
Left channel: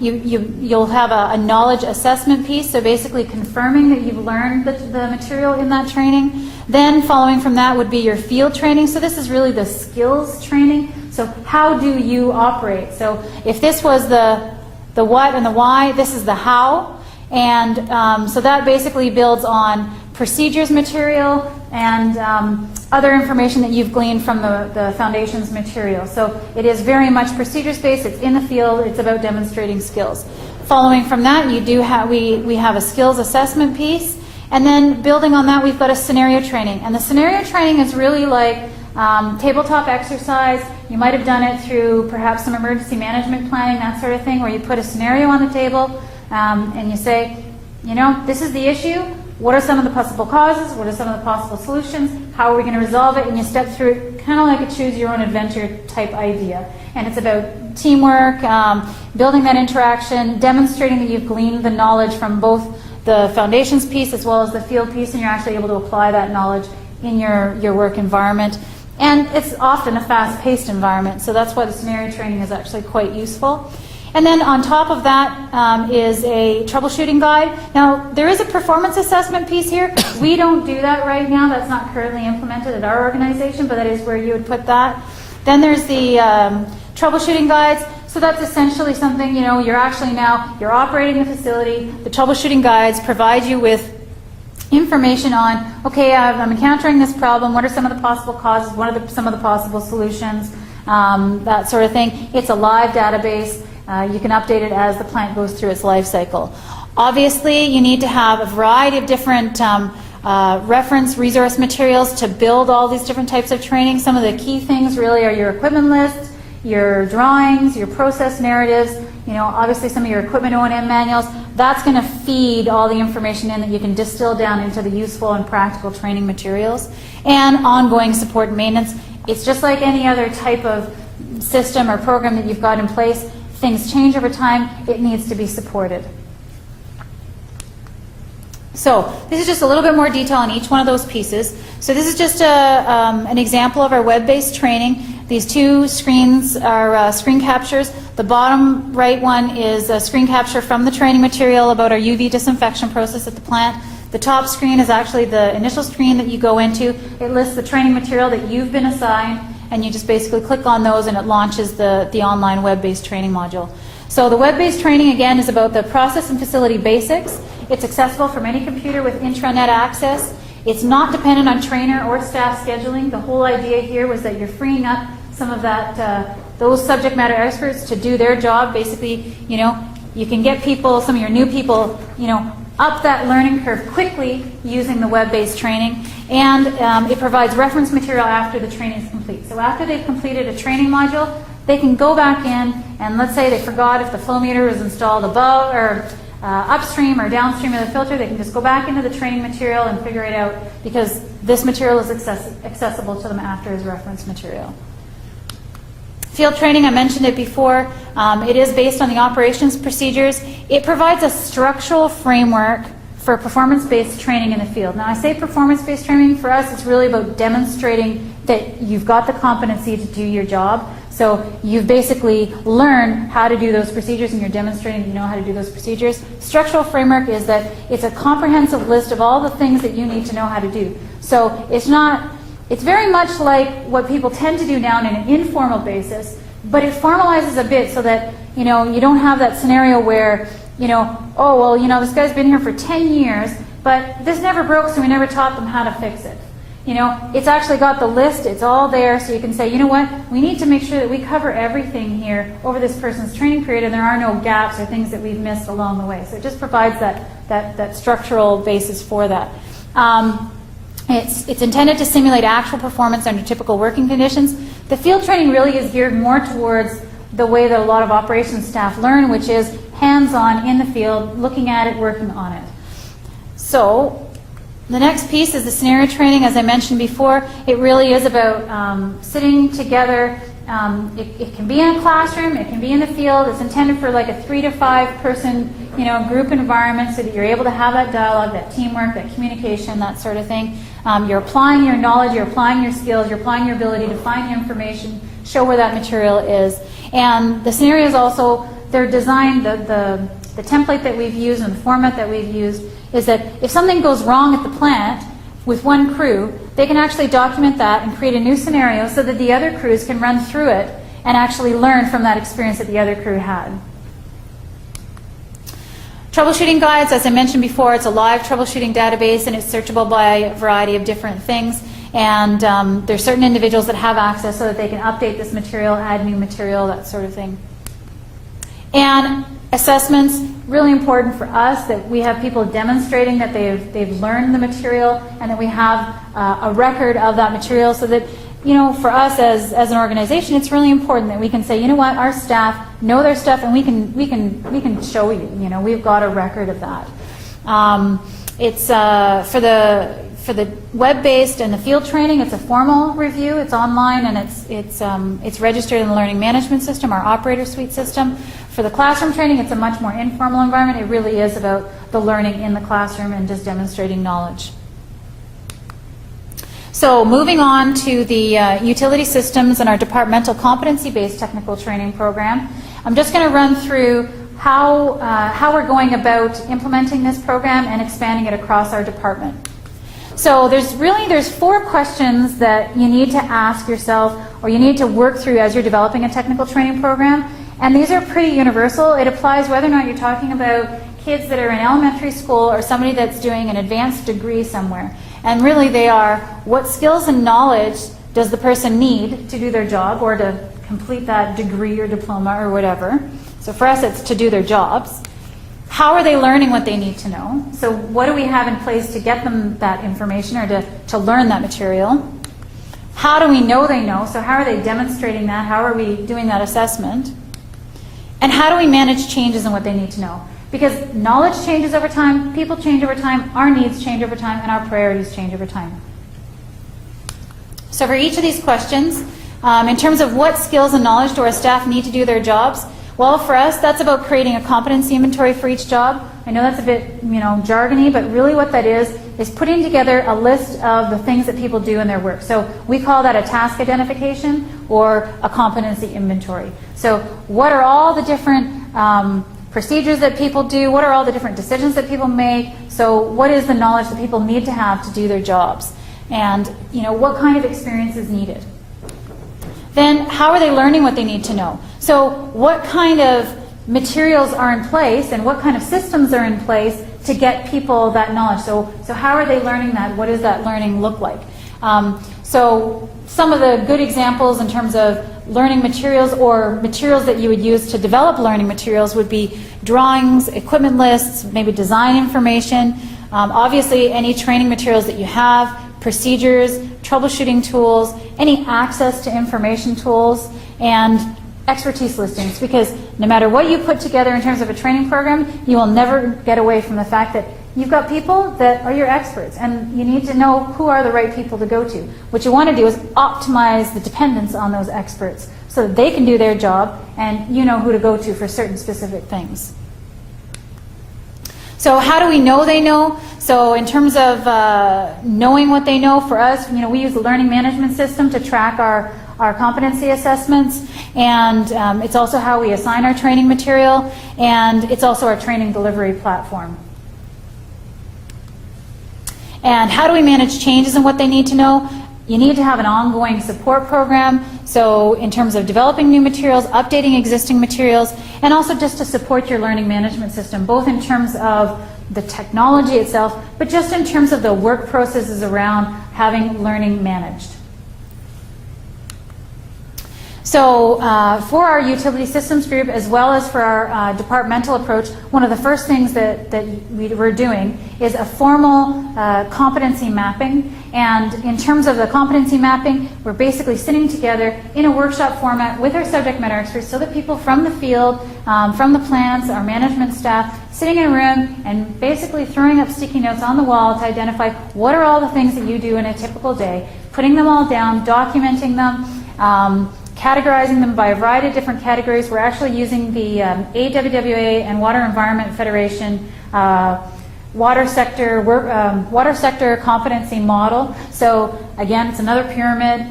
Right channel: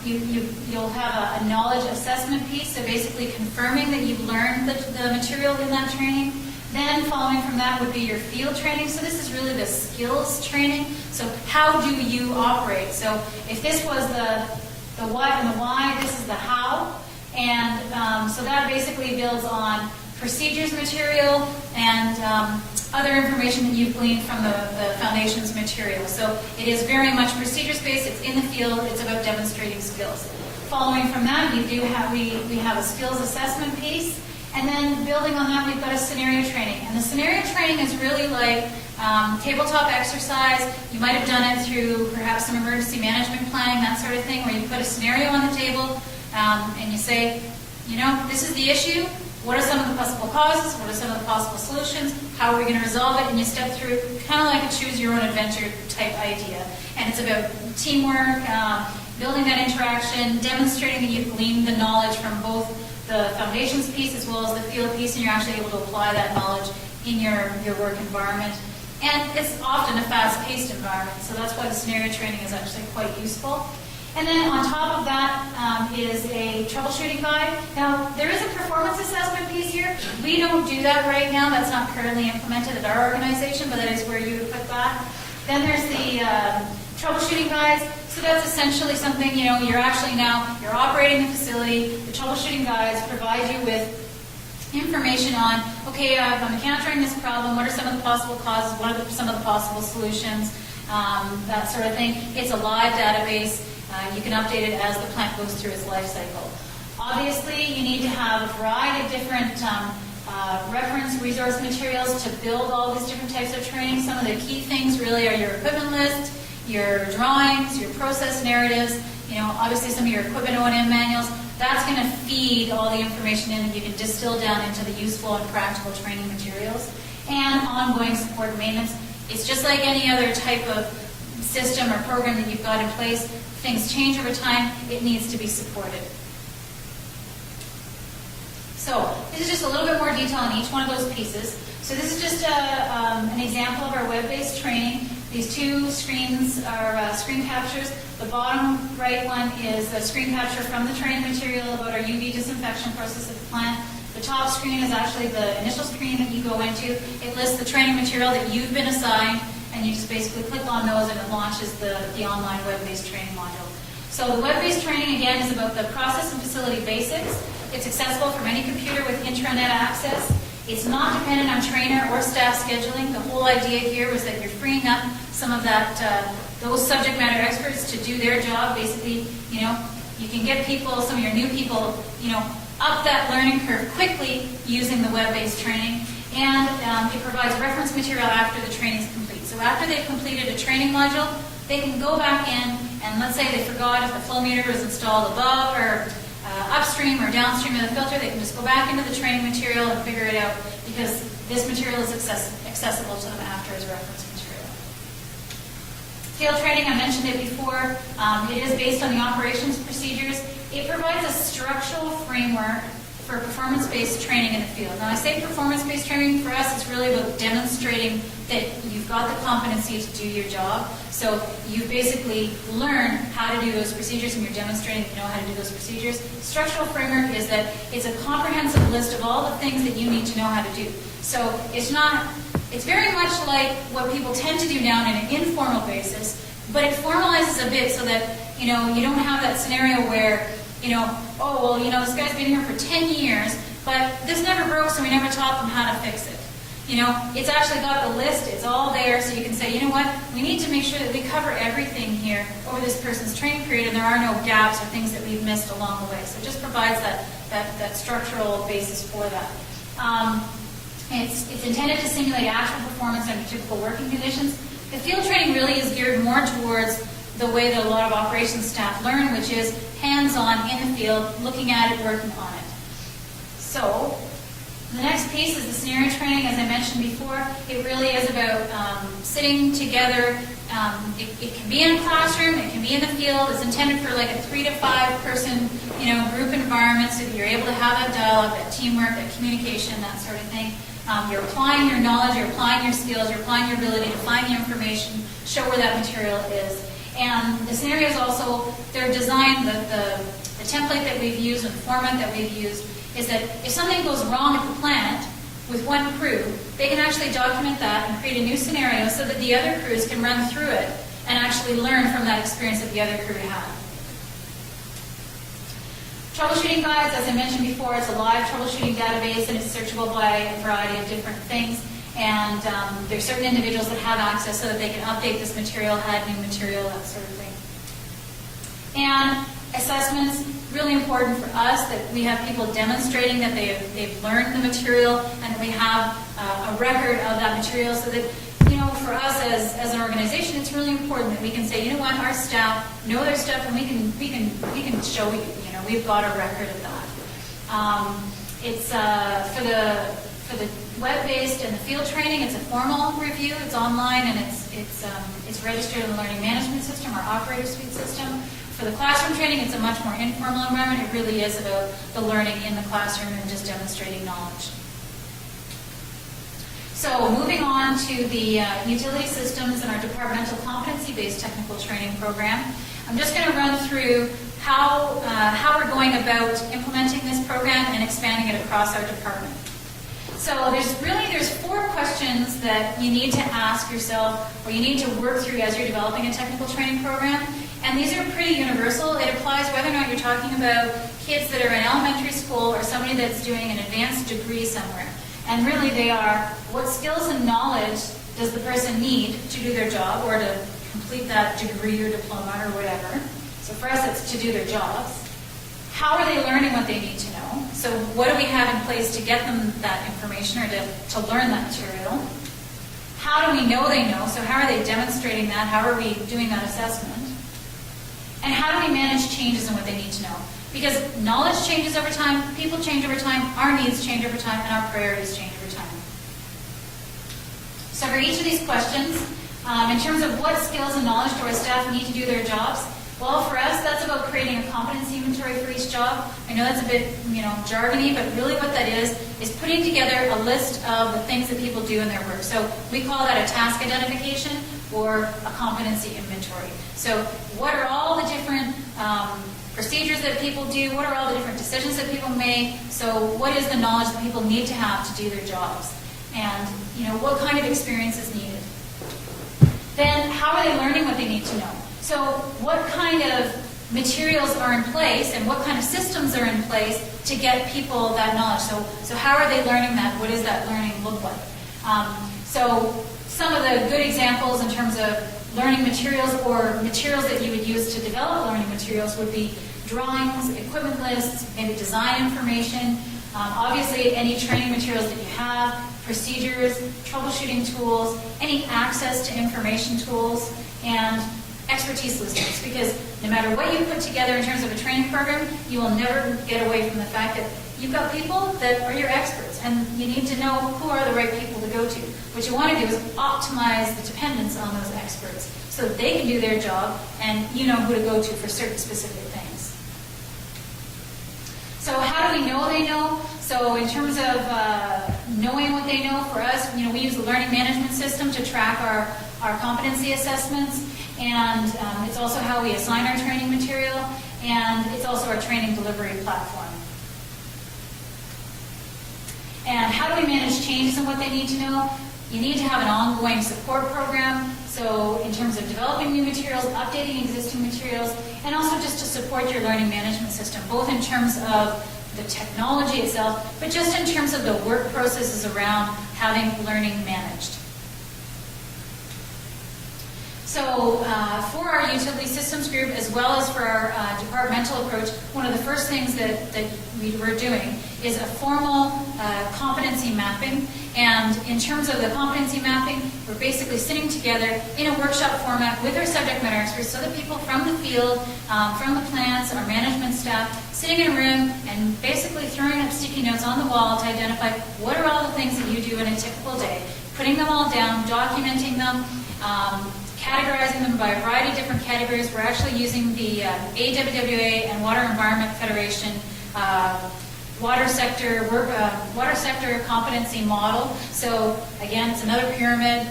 you'll have a knowledge assessment piece, so basically confirming that you've learned the material in that training. Then following from that would be your field training. So this is really the skills training. So how do you operate? So if this was the what and the why, this is the how. And so that basically builds on procedures material and other information that you've gleaned from the foundations material. So it is very much procedures-based. It's in the field. It's about demonstrating skills. Following from that, we have a skills assessment piece. And then building on that, we've got a scenario training. And the scenario training is really like tabletop exercise. You might have done it through perhaps some emergency management planning, that sort of thing, where you put a scenario on the table and you say, you know, this is the issue. What are some of the possible causes? What are some of the possible solutions? How are we going to resolve it? And you step through it kind of like a choose-your-own-adventure type idea. And it's about teamwork, building that interaction, demonstrating that you've gleaned the knowledge from both the foundations piece as well as the field piece, and you're actually able to apply that knowledge in your work environment. And it's often a fast-paced environment, so that's why the scenario training is actually quite useful. And then on top of that is a troubleshooting guide. Now, there is a performance assessment piece here. We don't do that right now. That's not currently implemented at our organization, but that is where you would put that. Then there's the troubleshooting guides. So that's essentially something, you know, you're operating the facility. The troubleshooting guides provide you with information on, okay, I'm encountering this problem. What are some of the possible causes? What are some of the possible solutions? That sort of thing. It's a live database. You can update it as the plant goes through its life cycle. Obviously, you need to have a variety of different reference resource materials to build all these different types of training. Some of the key things really are your equipment list, your drawings, your process narratives, you know, obviously some of your equipment O&M manuals. That's going to feed all the information in that you can distill down into the useful and practical training materials. And ongoing support and maintenance. It's just like any other type of system or program that you've got in place. Things change over time. It needs to be supported. So this is just a little bit more detail on each one of those pieces. So this is just an example of our web-based training. These two screens are screen captures. The bottom right one is a screen capture from the training material about our UV disinfection process at the plant. The top screen is actually the initial screen that you go into. It lists the training material that you've been assigned, and you just basically click on those and it launches the online web-based training module. So the web-based training, again, is about the process and facility basics. It's accessible from any computer with intranet access. It's not dependent on trainer or staff scheduling. The whole idea here was that you're freeing up some of that, those subject matter experts to do their job. Basically, you know, you can get people, some of your new people, you know, up that learning curve quickly using the web-based training. And it provides reference material after the training is complete. So after they've completed a training module, they can go back in and let's say they forgot if the flow meter was installed above or upstream or downstream of the filter, they can just go back into the training material and figure it out because this material is accessible to them after as reference material. Field training, I mentioned it before. It is based on the operations procedures. It provides a structural framework for performance-based training in the field. Now, I say performance-based training. For us, it's really about demonstrating that you've got the competency to do your job. So you've basically learned how to do those procedures and you're demonstrating you know how to do those procedures. Structural framework is that it's a comprehensive list of all the things that you need to know how to do. So it's very much like what people tend to do now on an informal basis, but it formalizes a bit so that you know you don't have that scenario where oh, well, this guy's been here for 10 years, but this never broke, so we never taught them how to fix it. It's actually got the list, it's all there, so you can say, you know what, we need to make sure that we cover everything here over this person's training period, and there are no gaps or things that we've missed along the way. So it just provides that structural basis for that. It's intended to simulate actual performance under typical working conditions. The field training really is geared more towards the way that a lot of operations staff learn, which is hands-on in the field, looking at it, working on it. So the next piece is the scenario training. As I mentioned before, it really is about sitting together. It can be in a classroom, it can be in the field. It's intended for like a 3 to 5 person group environment so that you're able to have that dialogue, that teamwork, that communication, that sort of thing. You're applying your knowledge, you're applying your skills, you're applying your ability to find the information, show where that material is. And the scenarios also, they're designed, the template that we've used and the format that we've used is that if something goes wrong at the plant with one crew, they can actually document that and create a new scenario so that the other crews can run through it and actually learn from that experience that the other crew had. Troubleshooting guides, as I mentioned before, it's a live troubleshooting database and it's searchable by a variety of different things. And there's certain individuals that have access so that they can update this material, add new material, that sort of thing. And assessments, really important for us that we have people demonstrating that they've learned the material and that we have a record of that material so that, for us as an organization, it's really important that we can say, you know what, our staff know their stuff and we can show you, we've got a record of that. It's for the web-based and the field training, it's a formal review. It's online and it's registered in the learning management system, our operator suite system. For the classroom training, it's a much more informal environment. It really is about the learning in the classroom and just demonstrating knowledge. So moving on to the utility systems and our departmental competency-based technical training program, I'm just going to run through how we're going about implementing this program and expanding it across our department. So there's 4 questions that you need to ask yourself or you need to work through as you're developing a technical training program. And these are pretty universal. It applies whether or not you're talking about kids that are in elementary school or somebody that's doing an advanced degree somewhere. And really they are, what skills and knowledge does the person need to do their job or to complete that degree or diploma or whatever. So for us it's to do their jobs. How are they learning what they need to know? So what do we have in place to get them that information or to learn that material? How do we know they know? So how are they demonstrating that? How are we doing that assessment? And how do we manage changes in what they need to know? Because knowledge changes over time, people change over time, our needs change over time, and our priorities change over time. So for each of these questions, in terms of what skills and knowledge do our staff need to do their jobs, well, for us, that's about creating a competency inventory for each job. I know that's a bit, jargony, but really what that is putting together a list of the things that people do in their work. So we call that a task identification or a competency inventory. So what are all the different procedures that people do? What are all the different decisions that people make? So what is the knowledge that people need to have to do their jobs? And, what kind of experience is needed? Then how are they learning what they need to know? So what kind of materials are in place and what kind of systems are in place to get people that knowledge? So how are they learning that? What does that learning look like? So some of the good examples in terms of learning materials or materials that you would use to develop learning materials would be drawings, equipment lists, maybe design information, obviously any training materials that you have, procedures, troubleshooting tools, any access to information tools, and expertise listings, because no matter what you put together in terms of a training program, you will never get away from the fact that you've got people that are your experts, and you need to know who are the right people to go to. What you want to do is optimize the dependence on those experts so that they can do their job and you know who to go to for certain specific things. So how do we know they know? So in terms of knowing what they know, for us, we use a learning management system to track our competency assessments, and it's also how we assign our training material, and it's also our training delivery platform. And how do we manage changes in what they need to know? You need to have an ongoing support program, so in terms of developing new materials, updating existing materials, and also just to support your learning management system, both in terms of the technology itself, but just in terms of the work processes around having learning managed. So for our utility systems group, as well as for our departmental approach, one of the first things that we're doing is a formal competency mapping. And in terms of the competency mapping, we're basically sitting together in a workshop format with our subject matter experts so that people from the field, from the plants, our management staff, sitting in a room and basically throwing up sticky notes on the wall to identify what are all the things that you do in a typical day, putting them all down, documenting them, categorizing them by a variety of different categories. We're actually using the AWWA and Water Environment Federation water sector competency model. So again, it's another pyramid.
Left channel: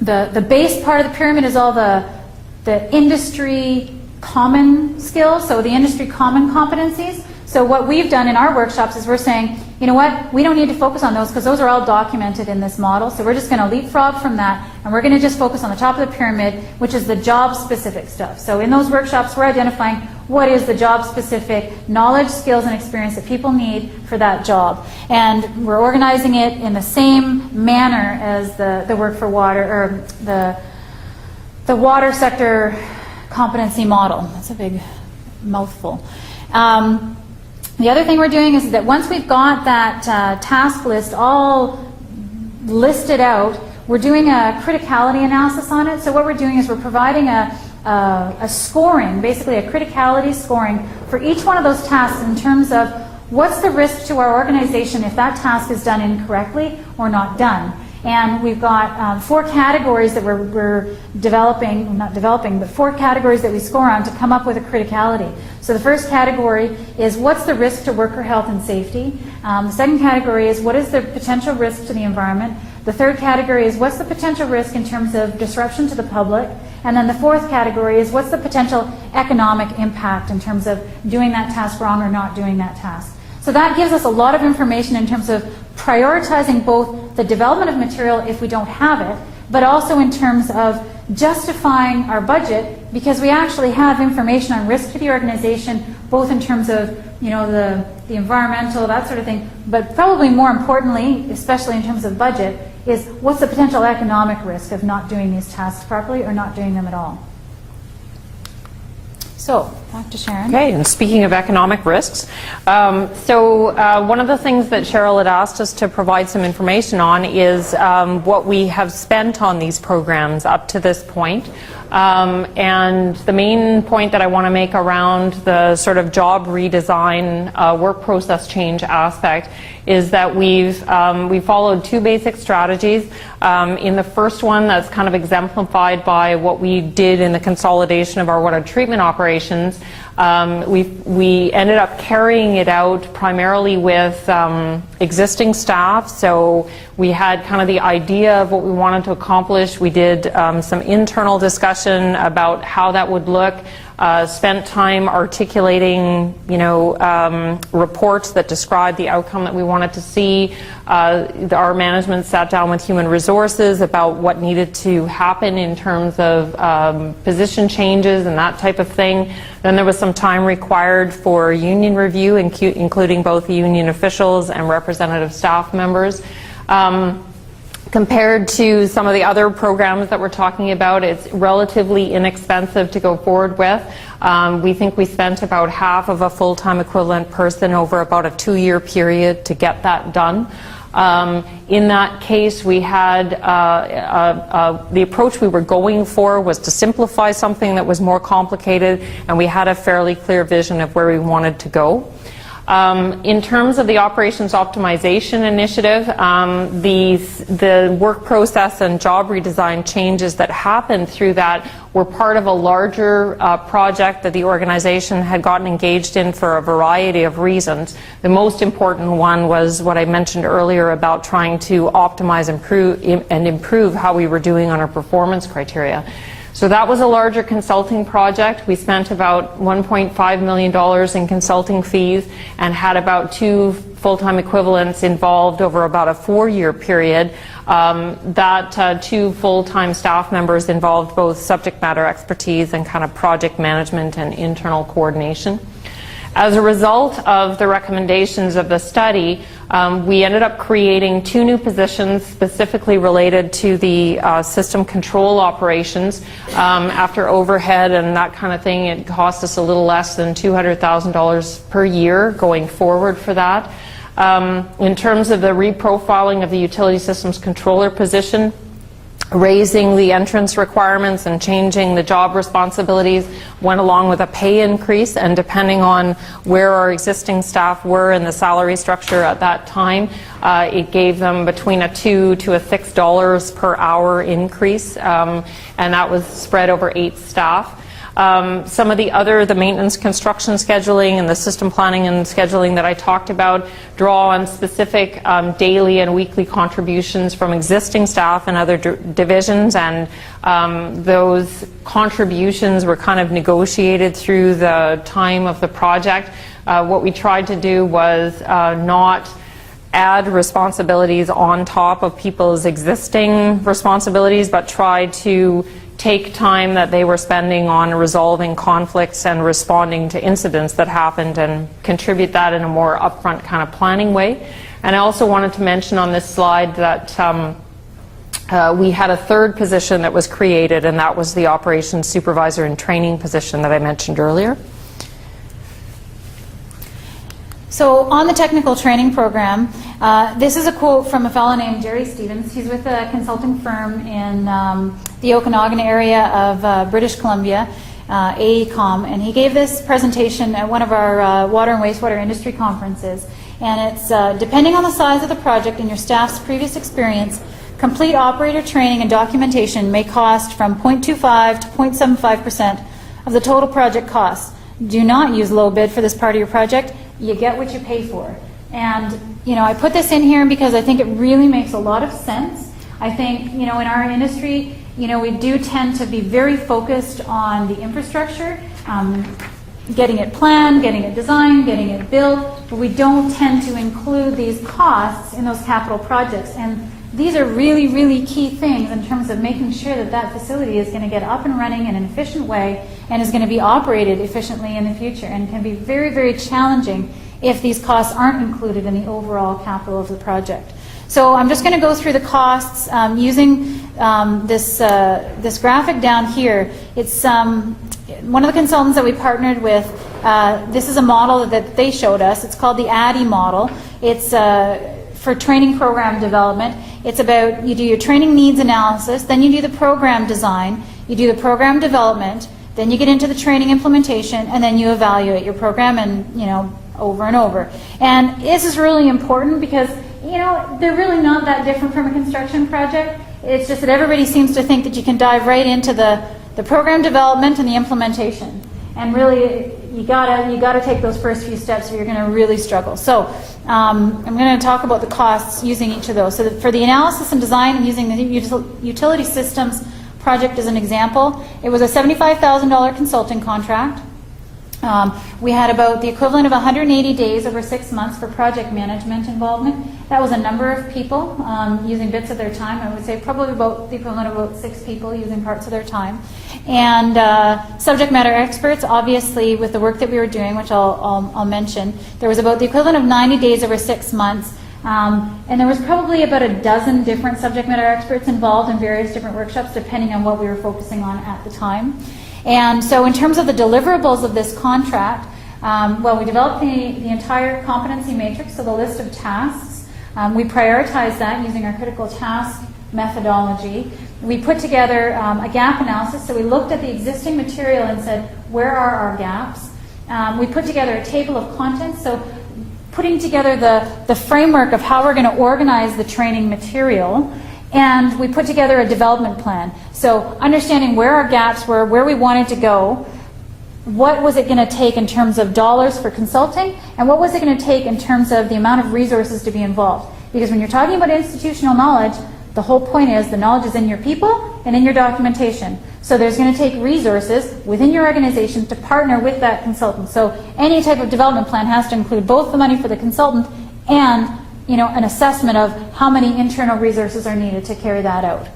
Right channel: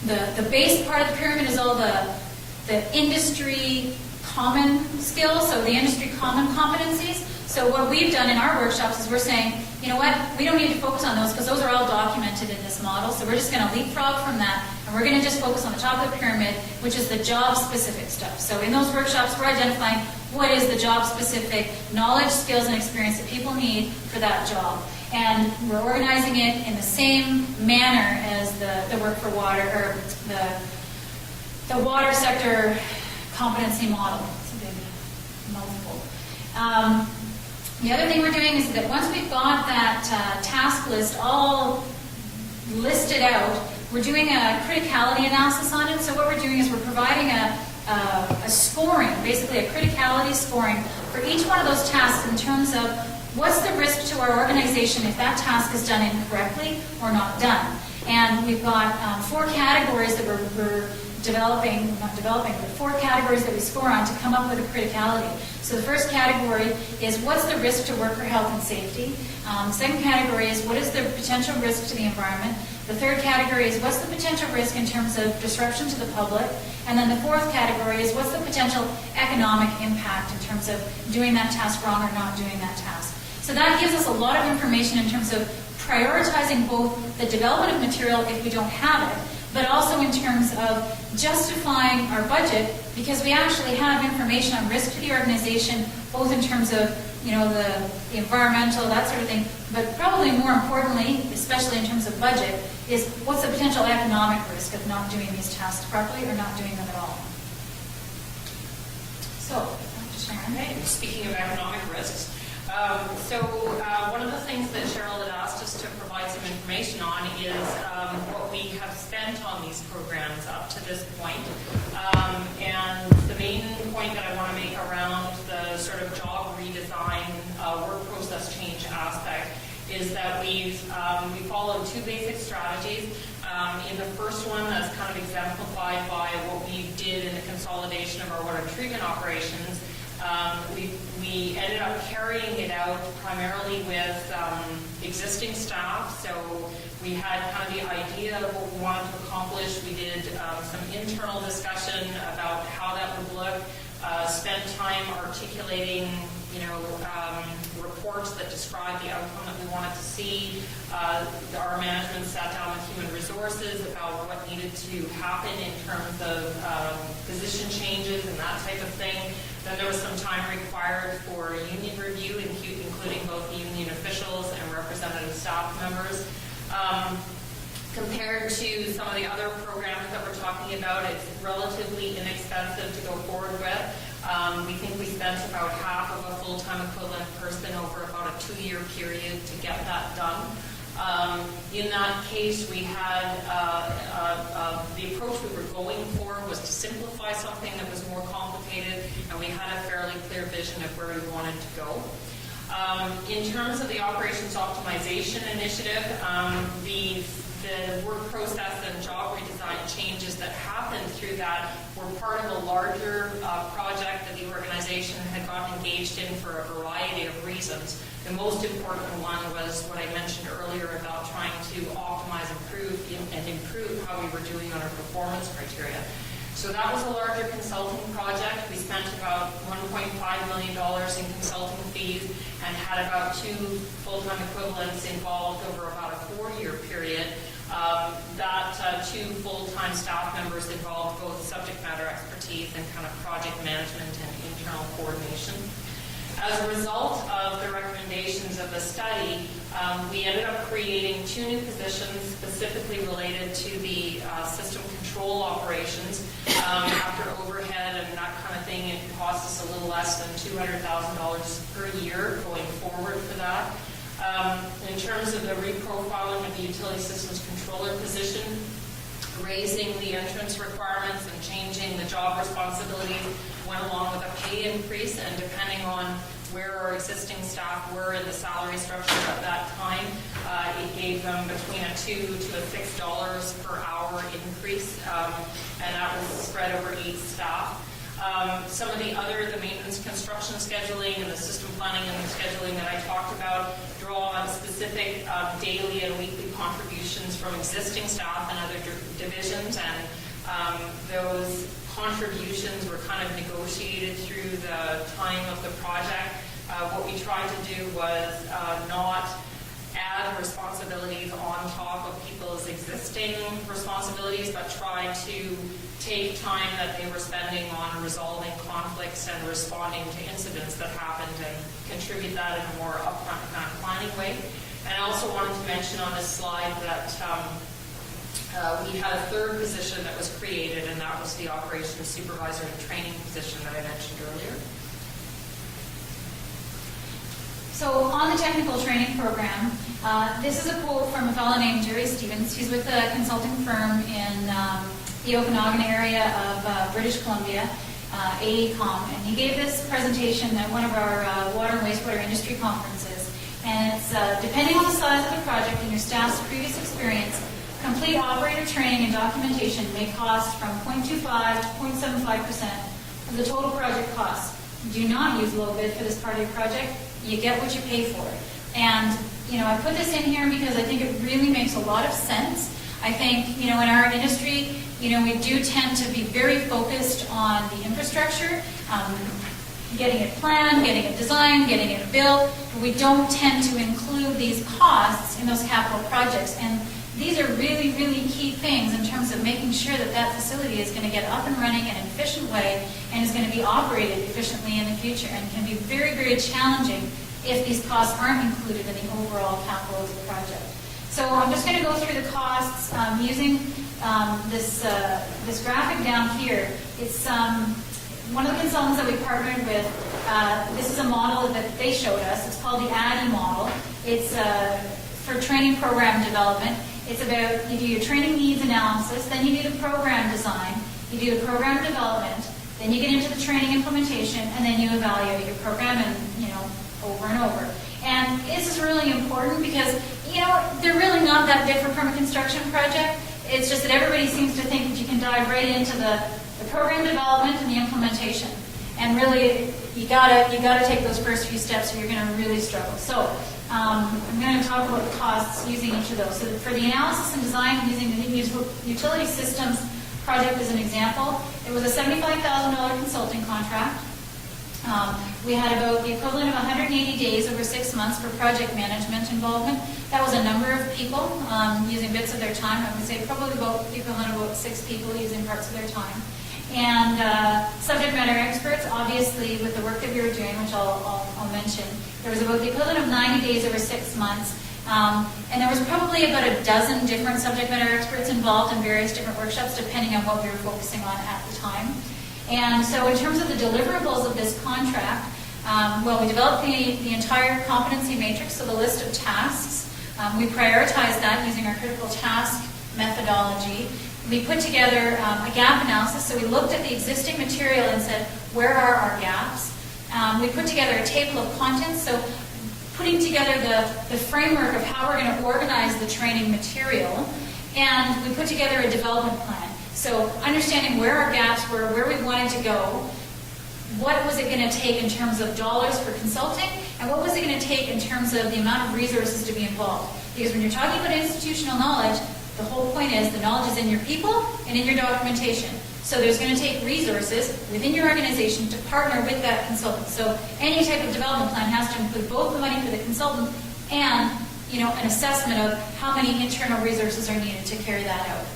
The base part of the pyramid is all the industry common skills, so the industry common competencies. So what we've done in our workshops is we're saying, you know what, we don't need to focus on those because those are all documented in this model. So we're just going to leapfrog from that, and we're going to just focus on the top of the pyramid, which is the job-specific stuff. So in those workshops, we're identifying what is the job-specific knowledge, skills, and experience that people need for that job. And we're organizing it in the same manner as the work for water, or the water sector competency model. That's a big mouthful. The other thing we're doing is that once we've got that task list all listed out, we're doing a criticality analysis on it. So what we're doing is we're providing a scoring, basically a criticality scoring for each one of those tasks in terms of what's the risk to our organization if that task is done incorrectly or not done. And we've got 4 categories that we're developing, not developing, but 4 categories that we score on to come up with a criticality. So the first category is what's the risk to worker health and safety. The second category is what is the potential risk to the environment. The third category is what's the potential risk in terms of disruption to the public. And then the fourth category is what's the potential economic impact in terms of doing that task wrong or not doing that task. So that gives us a lot of information in terms of prioritizing both the development of material if we don't have it, but also in terms of justifying our budget, because we actually have information on risk to the organization, both in terms of the environmental, that sort of thing, but probably more importantly, especially in terms of budget, is what's the potential economic risk of not doing these tasks properly or not doing them at all. So, back to Sharon. Okay, and speaking of economic risks, one of the things that Cheryl had asked us to provide some information on is what we have spent on these programs up to this point. And the main point that I want to make around the sort of job redesign, work process change aspect is that we followed 2 basic strategies. In the first one, that's kind of exemplified by what we did in the consolidation of our water treatment operations. We ended up carrying it out primarily with existing staff. So we had kind of the idea of what we wanted to accomplish. We did some internal discussion about how that would look. Spent time articulating, reports that described the outcome that we wanted to see. Our management sat down with human resources about what needed to happen in terms of position changes and that type of thing. Then there was some time required for union review, including both union officials and representative staff members. Compared to some of the other programs that we're talking about, it's relatively inexpensive to go forward with. We think we spent about half of a full-time equivalent person over about a 2-year period to get that done. In that case, we had the approach we were going for was to simplify something that was more complicated, and we had a fairly clear vision of where we wanted to go. In terms of the operations optimization initiative, the work process and job redesign changes that happened through that were part of a larger project that the organization had gotten engaged in for a variety of reasons. The most important one was what I mentioned earlier about trying to optimize and improve how we were doing on our performance criteria. So that was a larger consulting project. We spent about $1.5 million in consulting fees and had about 2 full-time equivalents involved over about a 4-year period. That 2 full-time staff members involved both subject matter expertise and kind of project management and internal coordination. As a result of the recommendations of the study, we ended up creating 2 new positions specifically related to the system control operations. After overhead and that kind of thing, it cost us a little less than $200,000 per year going forward for that. In terms of the reprofiling of the utility systems controller position, raising the entrance requirements and changing the job responsibilities went along with a pay increase, and depending on where our existing staff were in the salary structure at that time, it gave them between a $2 to a $6 per hour increase, and that was spread over 8 staff. Some of the maintenance, construction scheduling, and the system planning and scheduling that I talked about draw on specific daily and weekly contributions from existing staff and other divisions, and those contributions were kind of negotiated through the time of the project. What we tried to do was not add responsibilities on top of people's existing responsibilities, but try to take time that they were spending on resolving conflicts and responding to incidents that happened and contribute that in a more upfront kind of planning way. And I also wanted to mention on this slide that we had a 3rd position that was created, and that was the operations supervisor and training position that I mentioned earlier. So on the technical training program, this is a quote from a fellow named Jerry Stevens. He's with a consulting firm in the Okanagan area of British Columbia, AECOM, and he gave this presentation at one of our water and wastewater industry conferences. And it's, depending on the size of the project and your staff's previous experience, complete operator training and documentation may cost from 0.25 to 0.75% of the total project costs. Do not use low bid for this part of your project. You get what you pay for. And I put this in here because I think it really makes a lot of sense. I think, in our industry, we do tend to be very focused on the infrastructure, getting it planned, getting it designed, getting it built, but we don't tend to include these costs in those capital projects. And these are really, really key things in terms of making sure that that facility is going to get up and running in an efficient way and is going to be operated efficiently in the future, and can be very, very challenging if these costs aren't included in the overall capital of the project. So I'm just going to go through the costs using this graphic down here. It's one of the consultants that we partnered with. This is a model that they showed us. It's called the Addie Model. It's for training program development. It's about, you do your training needs analysis, then you do the program design, you do the program development, then you get into the training implementation, and then you evaluate your program, and over and over. And this is really important because they're really not that different from a construction project. It's just that everybody seems to think that you can dive right into the program development and the implementation, and really you gotta take those first few steps, or you're going to really struggle. So I'm going to talk about the costs using each of those. So for the analysis and design, and using the utility systems project as an example, it was a $75,000 consulting contract. We had about the equivalent of 180 days over 6 months for project management involvement. That was a number of people using bits of their time. I would say probably about the equivalent of about 6 people using parts of their time. And subject matter experts, obviously, with the work that we were doing, which I'll mention, there was about the equivalent of 90 days over 6 months. And there was probably about a dozen different subject matter experts involved in various different workshops, depending on what we were focusing on at the time. And so in terms of the deliverables of this contract, we developed the entire competency matrix, so the list of tasks. We prioritized that using our critical task methodology. We put together a gap analysis, so we looked at the existing material and said, where are our gaps? We put together a table of contents, so putting together the framework of how we're going to organize the training material, and we put together a development plan. So understanding where our gaps were, where we wanted to go, what was it going to take in terms of dollars for consulting, and what was it going to take in terms of the amount of resources to be involved. Because when you're talking about institutional knowledge, the whole point is the knowledge is in your people and in your documentation. So there's going to take resources within your organization to partner with that consultant. So any type of development plan has to include both the money for the consultant and, you know, an assessment of how many internal resources are needed to carry that out.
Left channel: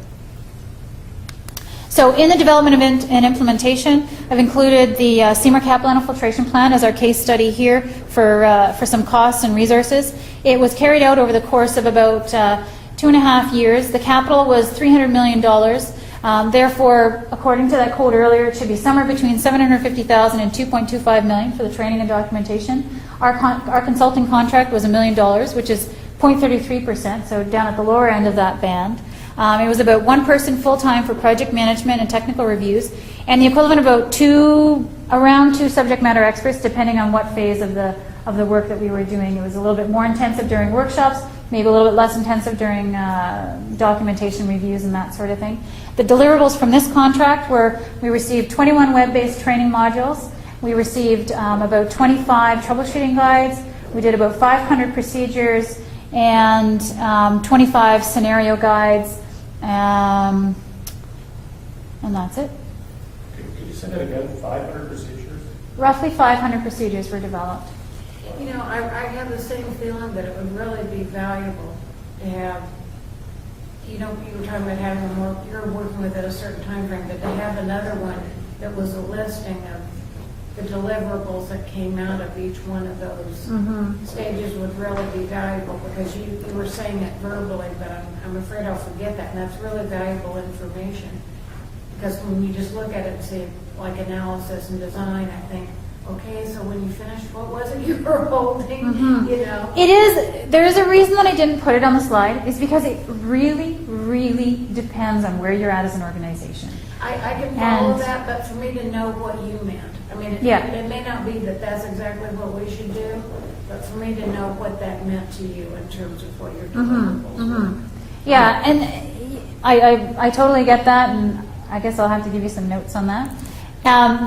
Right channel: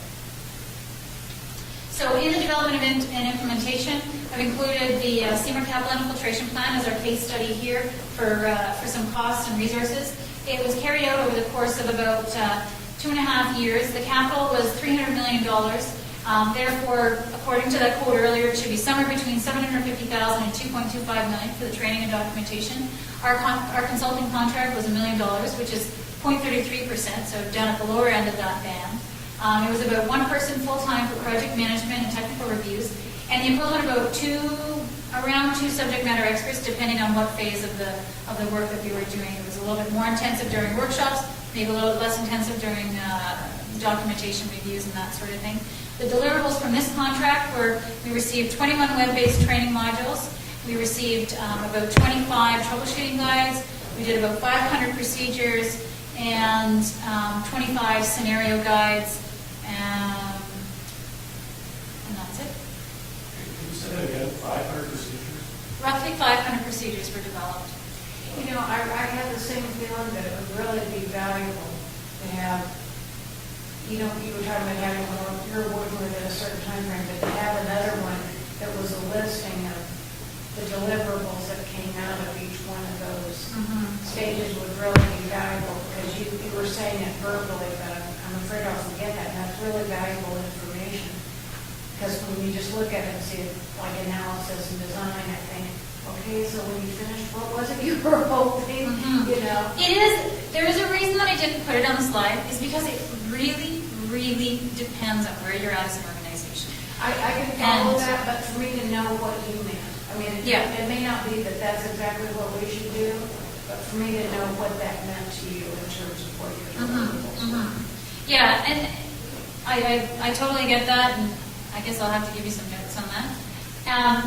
So in the development and implementation, I've included the Seymour Capital Infiltration Plan as our case study here for some costs and resources. It was carried out over the course of about 2.5 years. The capital was $300 million. Therefore, according to that quote earlier, it should be somewhere between $750,000 and $2.25 million for the training and documentation. Our consulting contract was $1 million, which is 0.33%, so down at the lower end of that band. It was about one person full-time for project management and technical reviews, and the equivalent of about around two subject matter experts, depending on what phase of the work that we were doing. It was a little bit more intensive during workshops, maybe a little bit less intensive during documentation reviews and that sort of thing. The deliverables from this contract were we received 21 web-based training modules, we received about 25 troubleshooting guides, we did about 500 procedures, and 25 scenario guides, and that's it. Can you say that again? 500 procedures? Roughly 500 procedures were developed. You know, I have the same feeling that it would really be valuable to have, you know, you were talking about having you're working within a certain time frame, but to have another one that was a listing of the deliverables that came out of each one of those stages would really be valuable, because you were saying it verbally, but I'm afraid I'll forget that, and that's really valuable information. Because when you just look at it and see it like analysis and design, I think, okay, so when you finished, what was it you were holding? You know, It is. There is a reason that I didn't put it on the slide, is because it really, really depends on where you're at as an organization. I can follow that, but for me to know what you meant. I mean, Yeah. it may not be that that's exactly what we should do, but for me to know what that meant to you in terms of what your deliverables were. Yeah, and I totally get that, and I guess I'll have to give you some notes on that.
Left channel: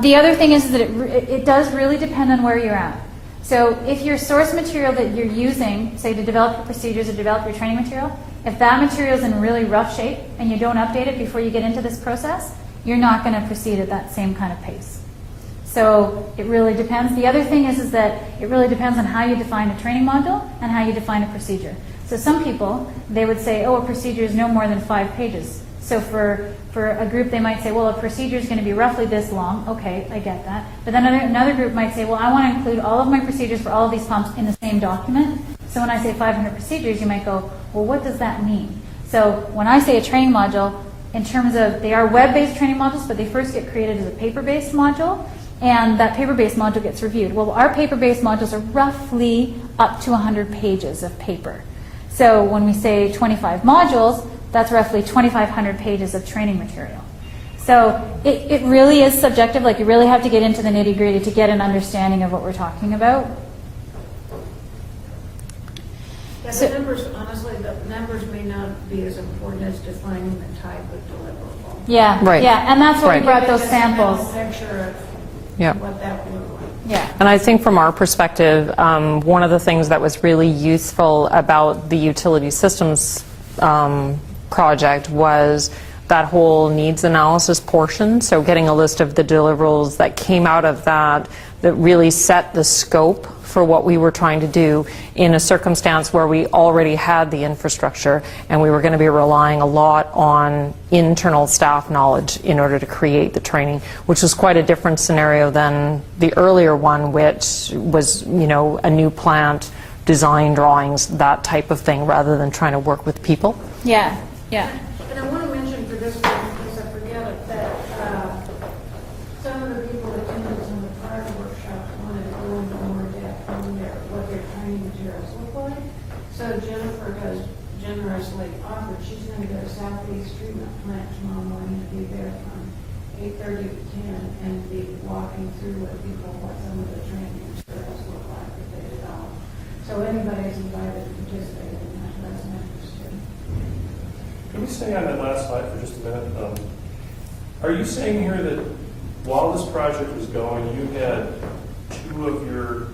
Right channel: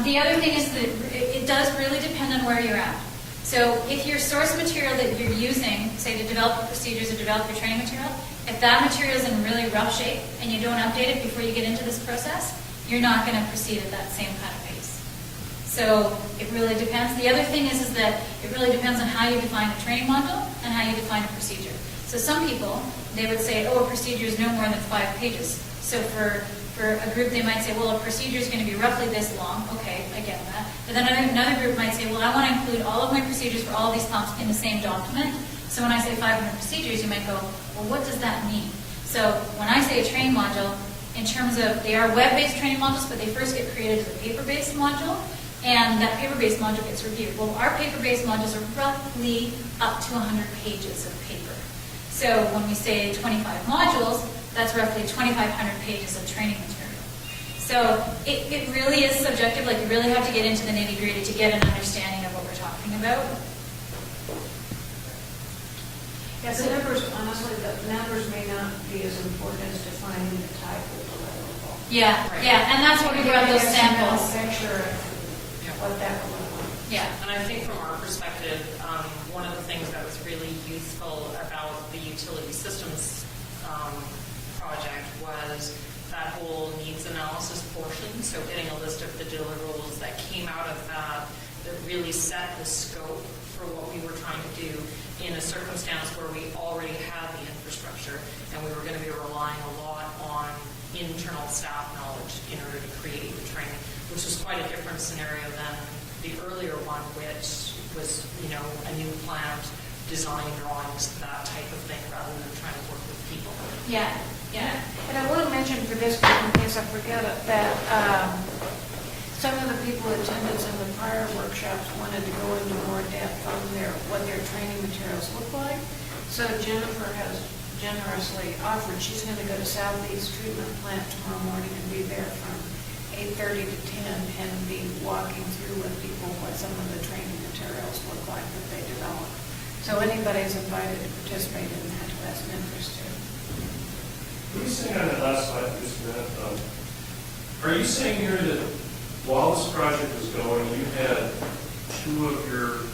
The other thing is that it does really depend on where you're at. So if your source material that you're using, say to develop the procedures or develop your training material, if that material is in really rough shape and you don't update it before you get into this process, you're not going to proceed at that same kind of pace. So it really depends. The other thing is that it really depends on how you define a training module and how you define a procedure. So some people, they would say, oh, a procedure is no more than 5 pages. So for a group, they might say, well, a procedure is going to be roughly this long. Okay, I get that. But then another group might say, well, I want to include all of my procedures for all of these pumps in the same document. So when I say 500 procedures, you might go, well, what does that mean? So when I say a training module, in terms of, they are web-based training modules, but they first get created as a paper-based module, and that paper-based module gets reviewed. Well, our paper-based modules are roughly up to 100 pages of paper. So when we say 25 modules, that's roughly 2,500 pages of training material. So it really is subjective. Like, you really have to get into the nitty-gritty to get an understanding of what we're talking about. Yeah, the numbers, honestly, the numbers may not be as important as defining the type of deliverable. Yeah, Right. yeah, and that's why Right. we brought those Give us a mental samples. picture Yeah. of what that would look like. Yeah. And I think from our perspective, one of the things that was really useful about the utility systems project was that whole needs analysis portion. So getting a list of the deliverables that came out of that really set the scope for what we were trying to do in a circumstance where we already had the infrastructure and we were going to be relying a lot on internal staff knowledge in order to create the training, which was quite a different scenario than the earlier one, which was, you know, a new plant, design drawings, that type of thing, rather than trying to work with people. Yeah, yeah. And I will mention for this group, in case I forget it, that some of the people who attended some of the prior workshops wanted to go into more depth on what their training materials look like. So Jennifer has generously offered, she's going to go to Southeast Treatment Plant tomorrow morning and be there from 8:30 to 10 and be walking through with people what some of the training materials look like that they develop. So anybody's invited to participate in that who has an interest in. Can you say on that last slide for just a minute? Are you saying here that while this project was going, you had 2 of your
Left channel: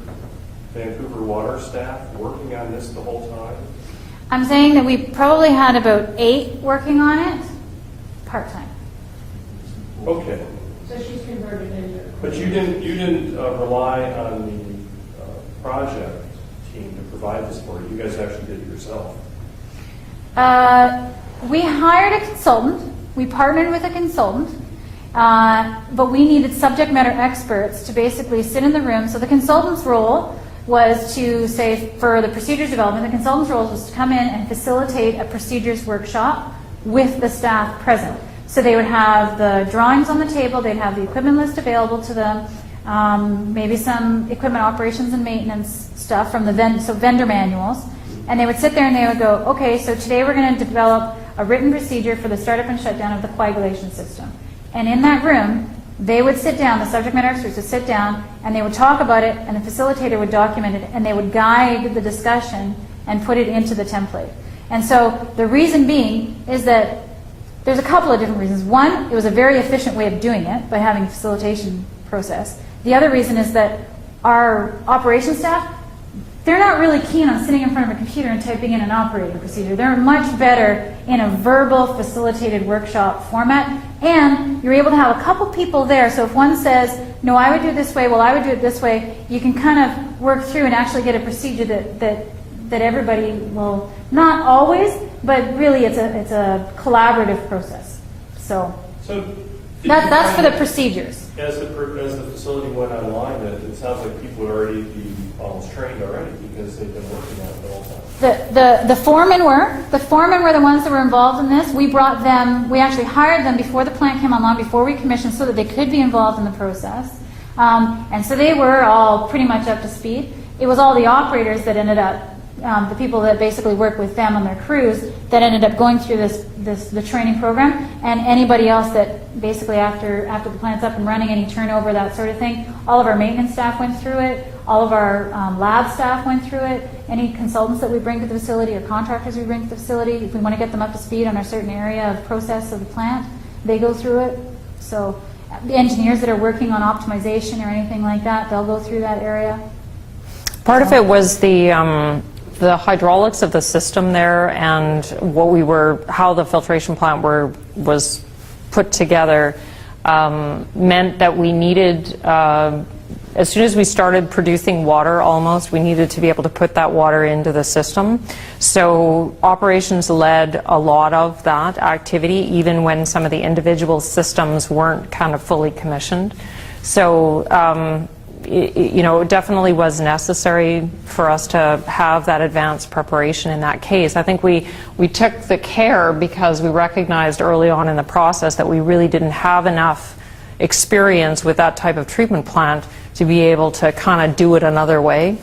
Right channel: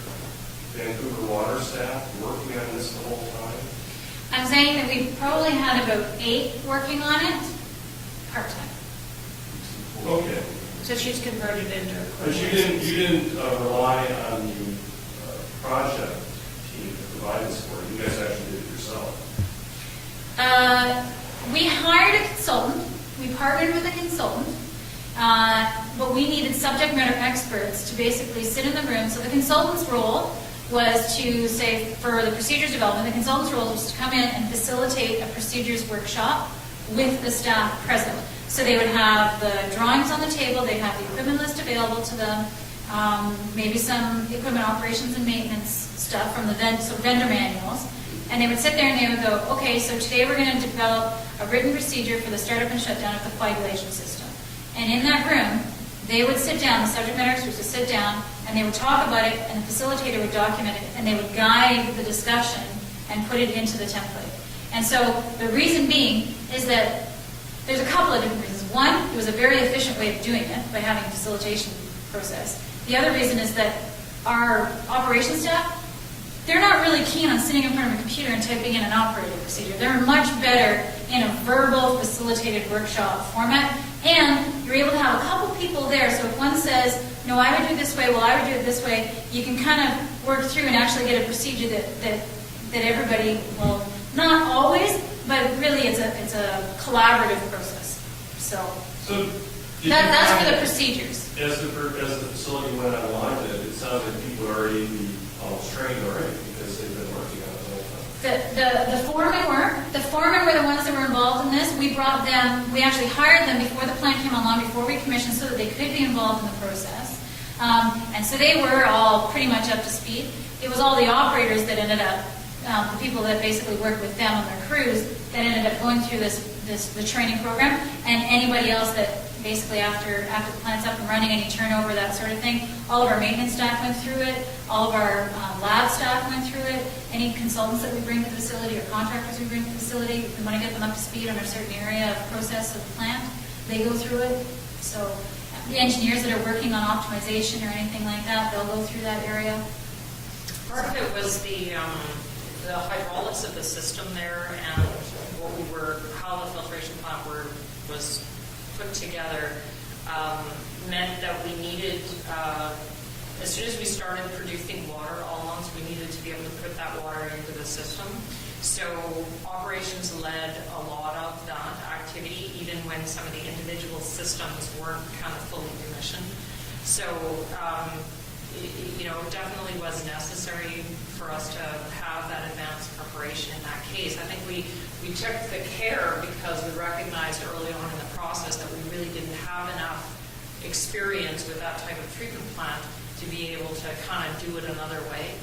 Vancouver water staff working on this the whole time? I'm saying that we probably had about 8 working on it part-time. Okay. So she's converted into. But you didn't rely on the project team to provide this for you. You guys actually did it yourself. We hired a consultant. We partnered with a consultant. But we needed subject matter experts to basically sit in the room. So the consultant's role was to say, for the procedures development, the consultant's role was to come in and facilitate a procedures workshop with the staff present. So they would have the drawings on the table, they'd have the equipment list available to them, maybe some equipment operations and maintenance stuff from the vendor manuals, and they would sit there and they would go, okay, so today we're going to develop a written procedure for the startup and shutdown of the coagulation system. And in that room, they would sit down, the subject matter experts would sit down, and they would talk about it, and the facilitator would document it, and they would guide the discussion and put it into the template. And so the reason being is that there's a couple of different reasons. One, it was a very efficient way of doing it by having a facilitation process. The other reason is that our operations staff, they're not really keen on sitting in front of a computer and typing in an operating procedure. They're much better in a verbal facilitated workshop format, and you're able to have a couple people there. So if one says, no, I would do it this way, well, I would do it this way, you can kind of work through and actually get a procedure that everybody will, not always, but really it's a collaborative process. So that's for the procedures. As the facility went online, it sounds like people would already be almost trained already because they've been working on it the whole time. The foremen were the ones that were involved in this. We brought them, we actually hired them before the plant came online, before we commissioned, so that they could be involved in the process. And so they were all pretty much up to speed. It was all the operators that ended up, the people that basically worked with them on their crews, that ended up going through the training program, and anybody else that basically after the plant's up and running, any turnover, that sort of thing, all of our maintenance staff went through it, all of our lab staff went through it, any consultants that we bring to the facility or contractors we bring to the facility, if we want to get them up to speed on a certain area of process of the plant, they go through it. So the engineers that are working on optimization or anything like that, they'll go through that area. Part of it was the hydraulics of the system there, and how the filtration plant was put together meant that we needed, as soon as we started producing water almost, we needed to be able to put that water into the system. So operations led a lot of that activity, even when some of the individual systems weren't kind of fully commissioned. So it definitely was necessary for us to have that advanced preparation in that case. I think we took the care because we recognized early on in the process that we really didn't have enough experience with that type of treatment plant to be able to kind of do it another way.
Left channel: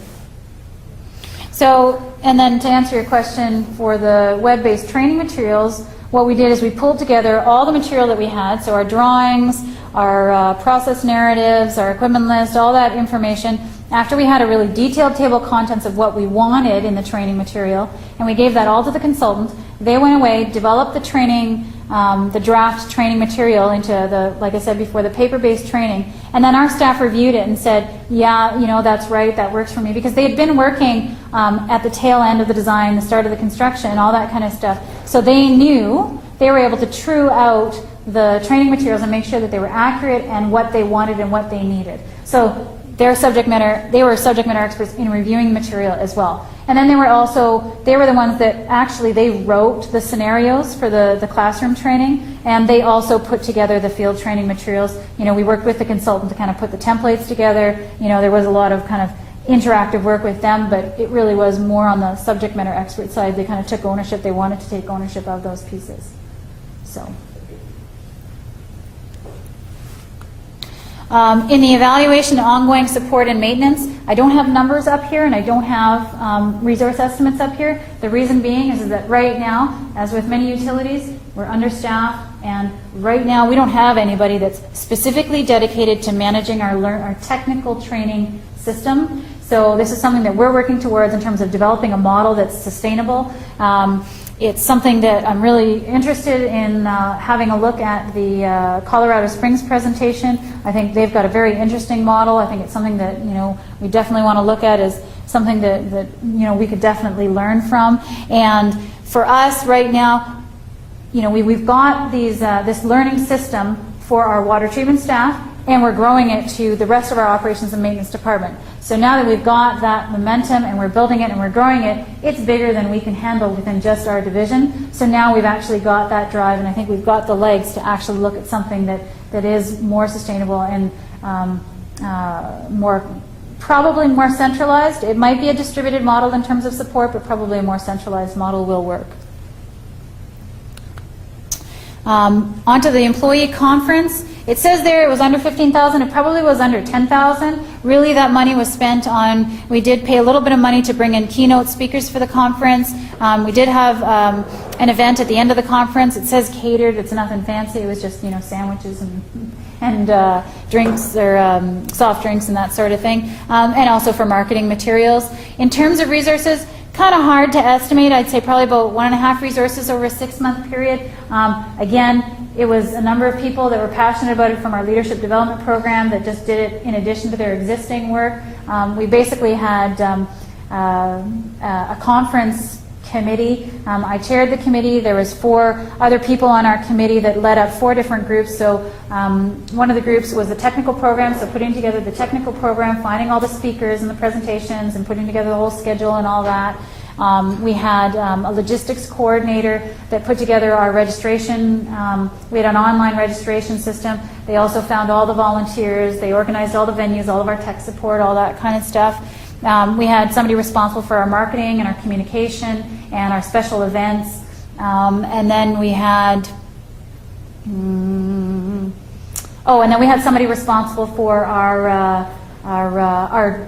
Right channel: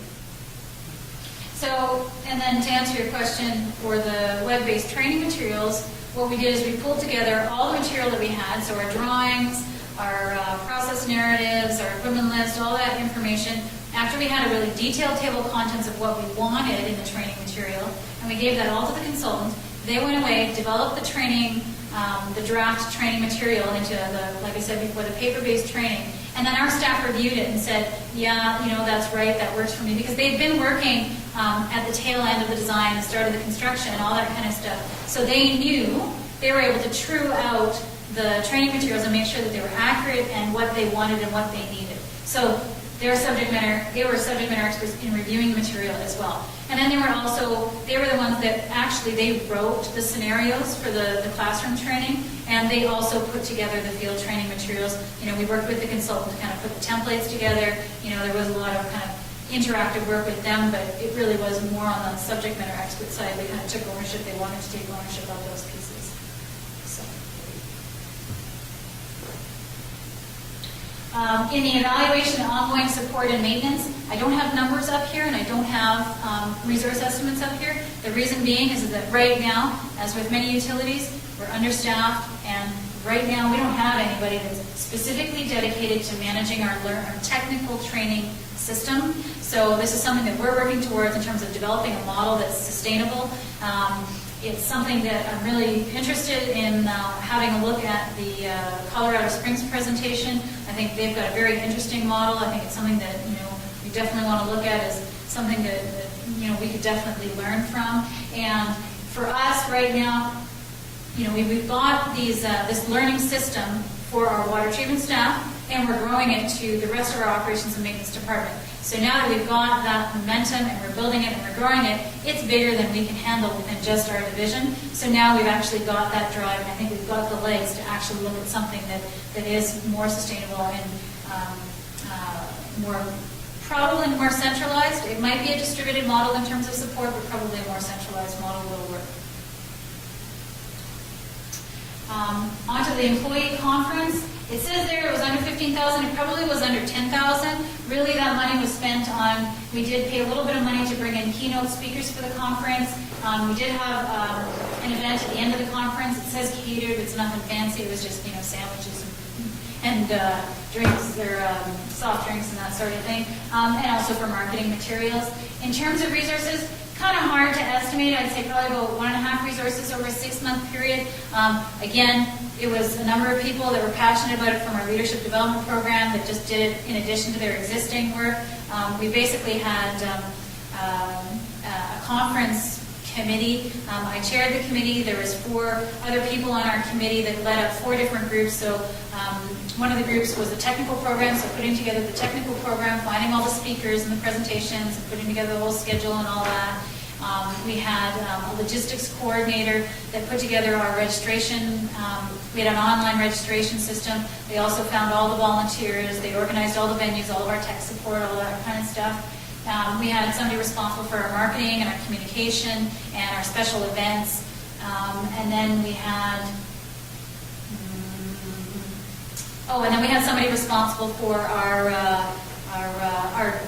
So, and then to answer your question for the web-based training materials, what we did is we pulled together all the material that we had, so our drawings, our process narratives, our equipment list, all that information. After we had a really detailed table of contents of what we wanted in the training material, and we gave that all to the consultant, they went away, developed the training, the draft training material into the, like I said before, the paper-based training, and then our staff reviewed it and said, yeah, that's right, that works for me, because they had been working at the tail end of the design, the start of the construction, and all that kind of stuff. So they knew, they were able to true out the training materials and make sure that they were accurate and what they wanted and what they needed. So they were subject matter experts in reviewing the material as well. And then they were the ones that actually, they wrote the scenarios for the classroom training, and they also put together the field training materials. We worked with the consultant to kind of put the templates together. There was a lot of kind of interactive work with them, but it really was more on the subject matter expert side. They kind of took ownership. They wanted to take ownership of those pieces. So. In the evaluation, ongoing support and maintenance, I don't have numbers up here and I don't have resource estimates up here. The reason being is that right now, as with many utilities, we're understaffed, and right now we don't have anybody that's specifically dedicated to managing our technical training system. So this is something that we're working towards in terms of developing a model that's sustainable. It's something that I'm really interested in having a look at the Colorado Springs presentation. I think they've got a very interesting model. I think it's something that we definitely want to look at as something that we could definitely learn from. And for us right now, we've got this learning system for our water treatment staff, and we're growing it to the rest of our operations and maintenance department. So now that we've got that momentum and we're building it and we're growing it, it's bigger than we can handle within just our division. So now we've actually got that drive, and I think we've got the legs to actually look at something that is more sustainable and probably more centralized. It might be a distributed model in terms of support, but probably a more centralized model will work. Onto the employee conference. It says there it was under 15,000. It probably was under 10,000. Really, that money was spent on, we did pay a little bit of money to bring in keynote speakers for the conference. We did have an event at the end of the conference. It says catered, but it's nothing fancy. It was just, sandwiches and drinks, or soft drinks and that sort of thing, and also for marketing materials. In terms of resources, kind of hard to estimate. I'd say probably about 1.5 resources over a 6-month period. Again, it was a number of people that were passionate about it from our leadership development program that just did it in addition to their existing work. We basically had a conference committee. I chaired the committee. There was 4 other people on our committee that led up 4 different groups. So one of the groups was the technical program, so putting together the technical program, finding all the speakers and the presentations and putting together the whole schedule and all that. We had a logistics coordinator that put together our registration. We had an online registration system. They also found all the volunteers. They organized all the venues, all of our tech support, all that kind of stuff. We had somebody responsible for our marketing and our communication and our special events. And then we had, somebody responsible for our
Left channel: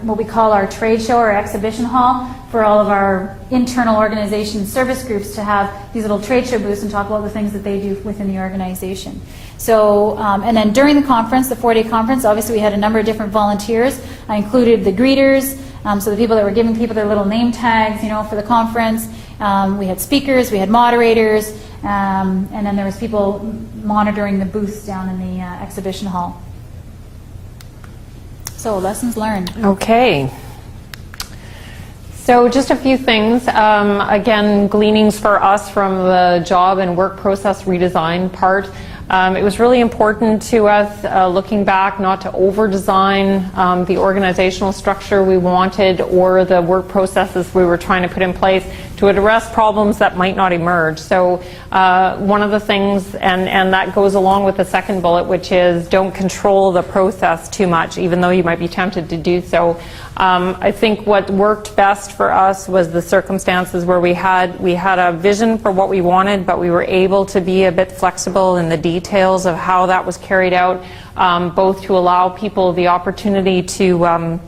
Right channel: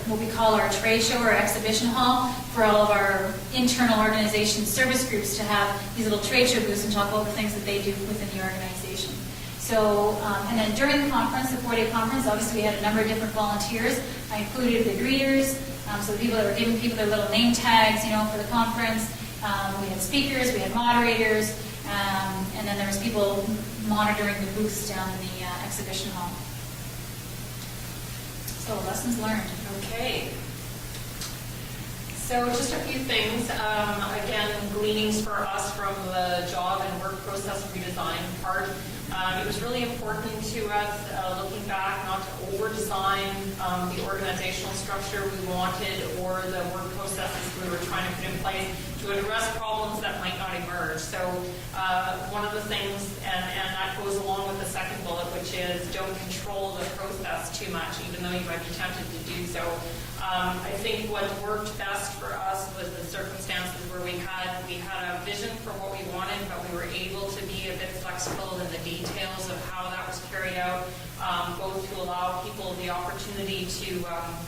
what we call our trade show or exhibition hall for all of our internal organization service groups to have these little trade show booths and talk about the things that they do within the organization. So, and then during the conference, the 4-day conference, obviously we had a number of different volunteers. I included the greeters, so the people that were giving people their little name tags, for the conference. We had speakers, we had moderators, and then there was people monitoring the booths down in the exhibition hall. So, lessons learned. Okay. So just a few things. Again, gleanings for us from the job and work process redesign part. It was really important to us, looking back, not to over-design the organizational structure we wanted or the work processes we were trying to put in place to address problems that might not emerge. So one of the things, and that goes along with the second bullet, which is don't control the process too much, even though you might be tempted to do so. I think what worked best for us was the circumstances where we had a vision for what we wanted, but we were able to be a bit flexible in the details of how that was carried out, both to allow people the opportunity to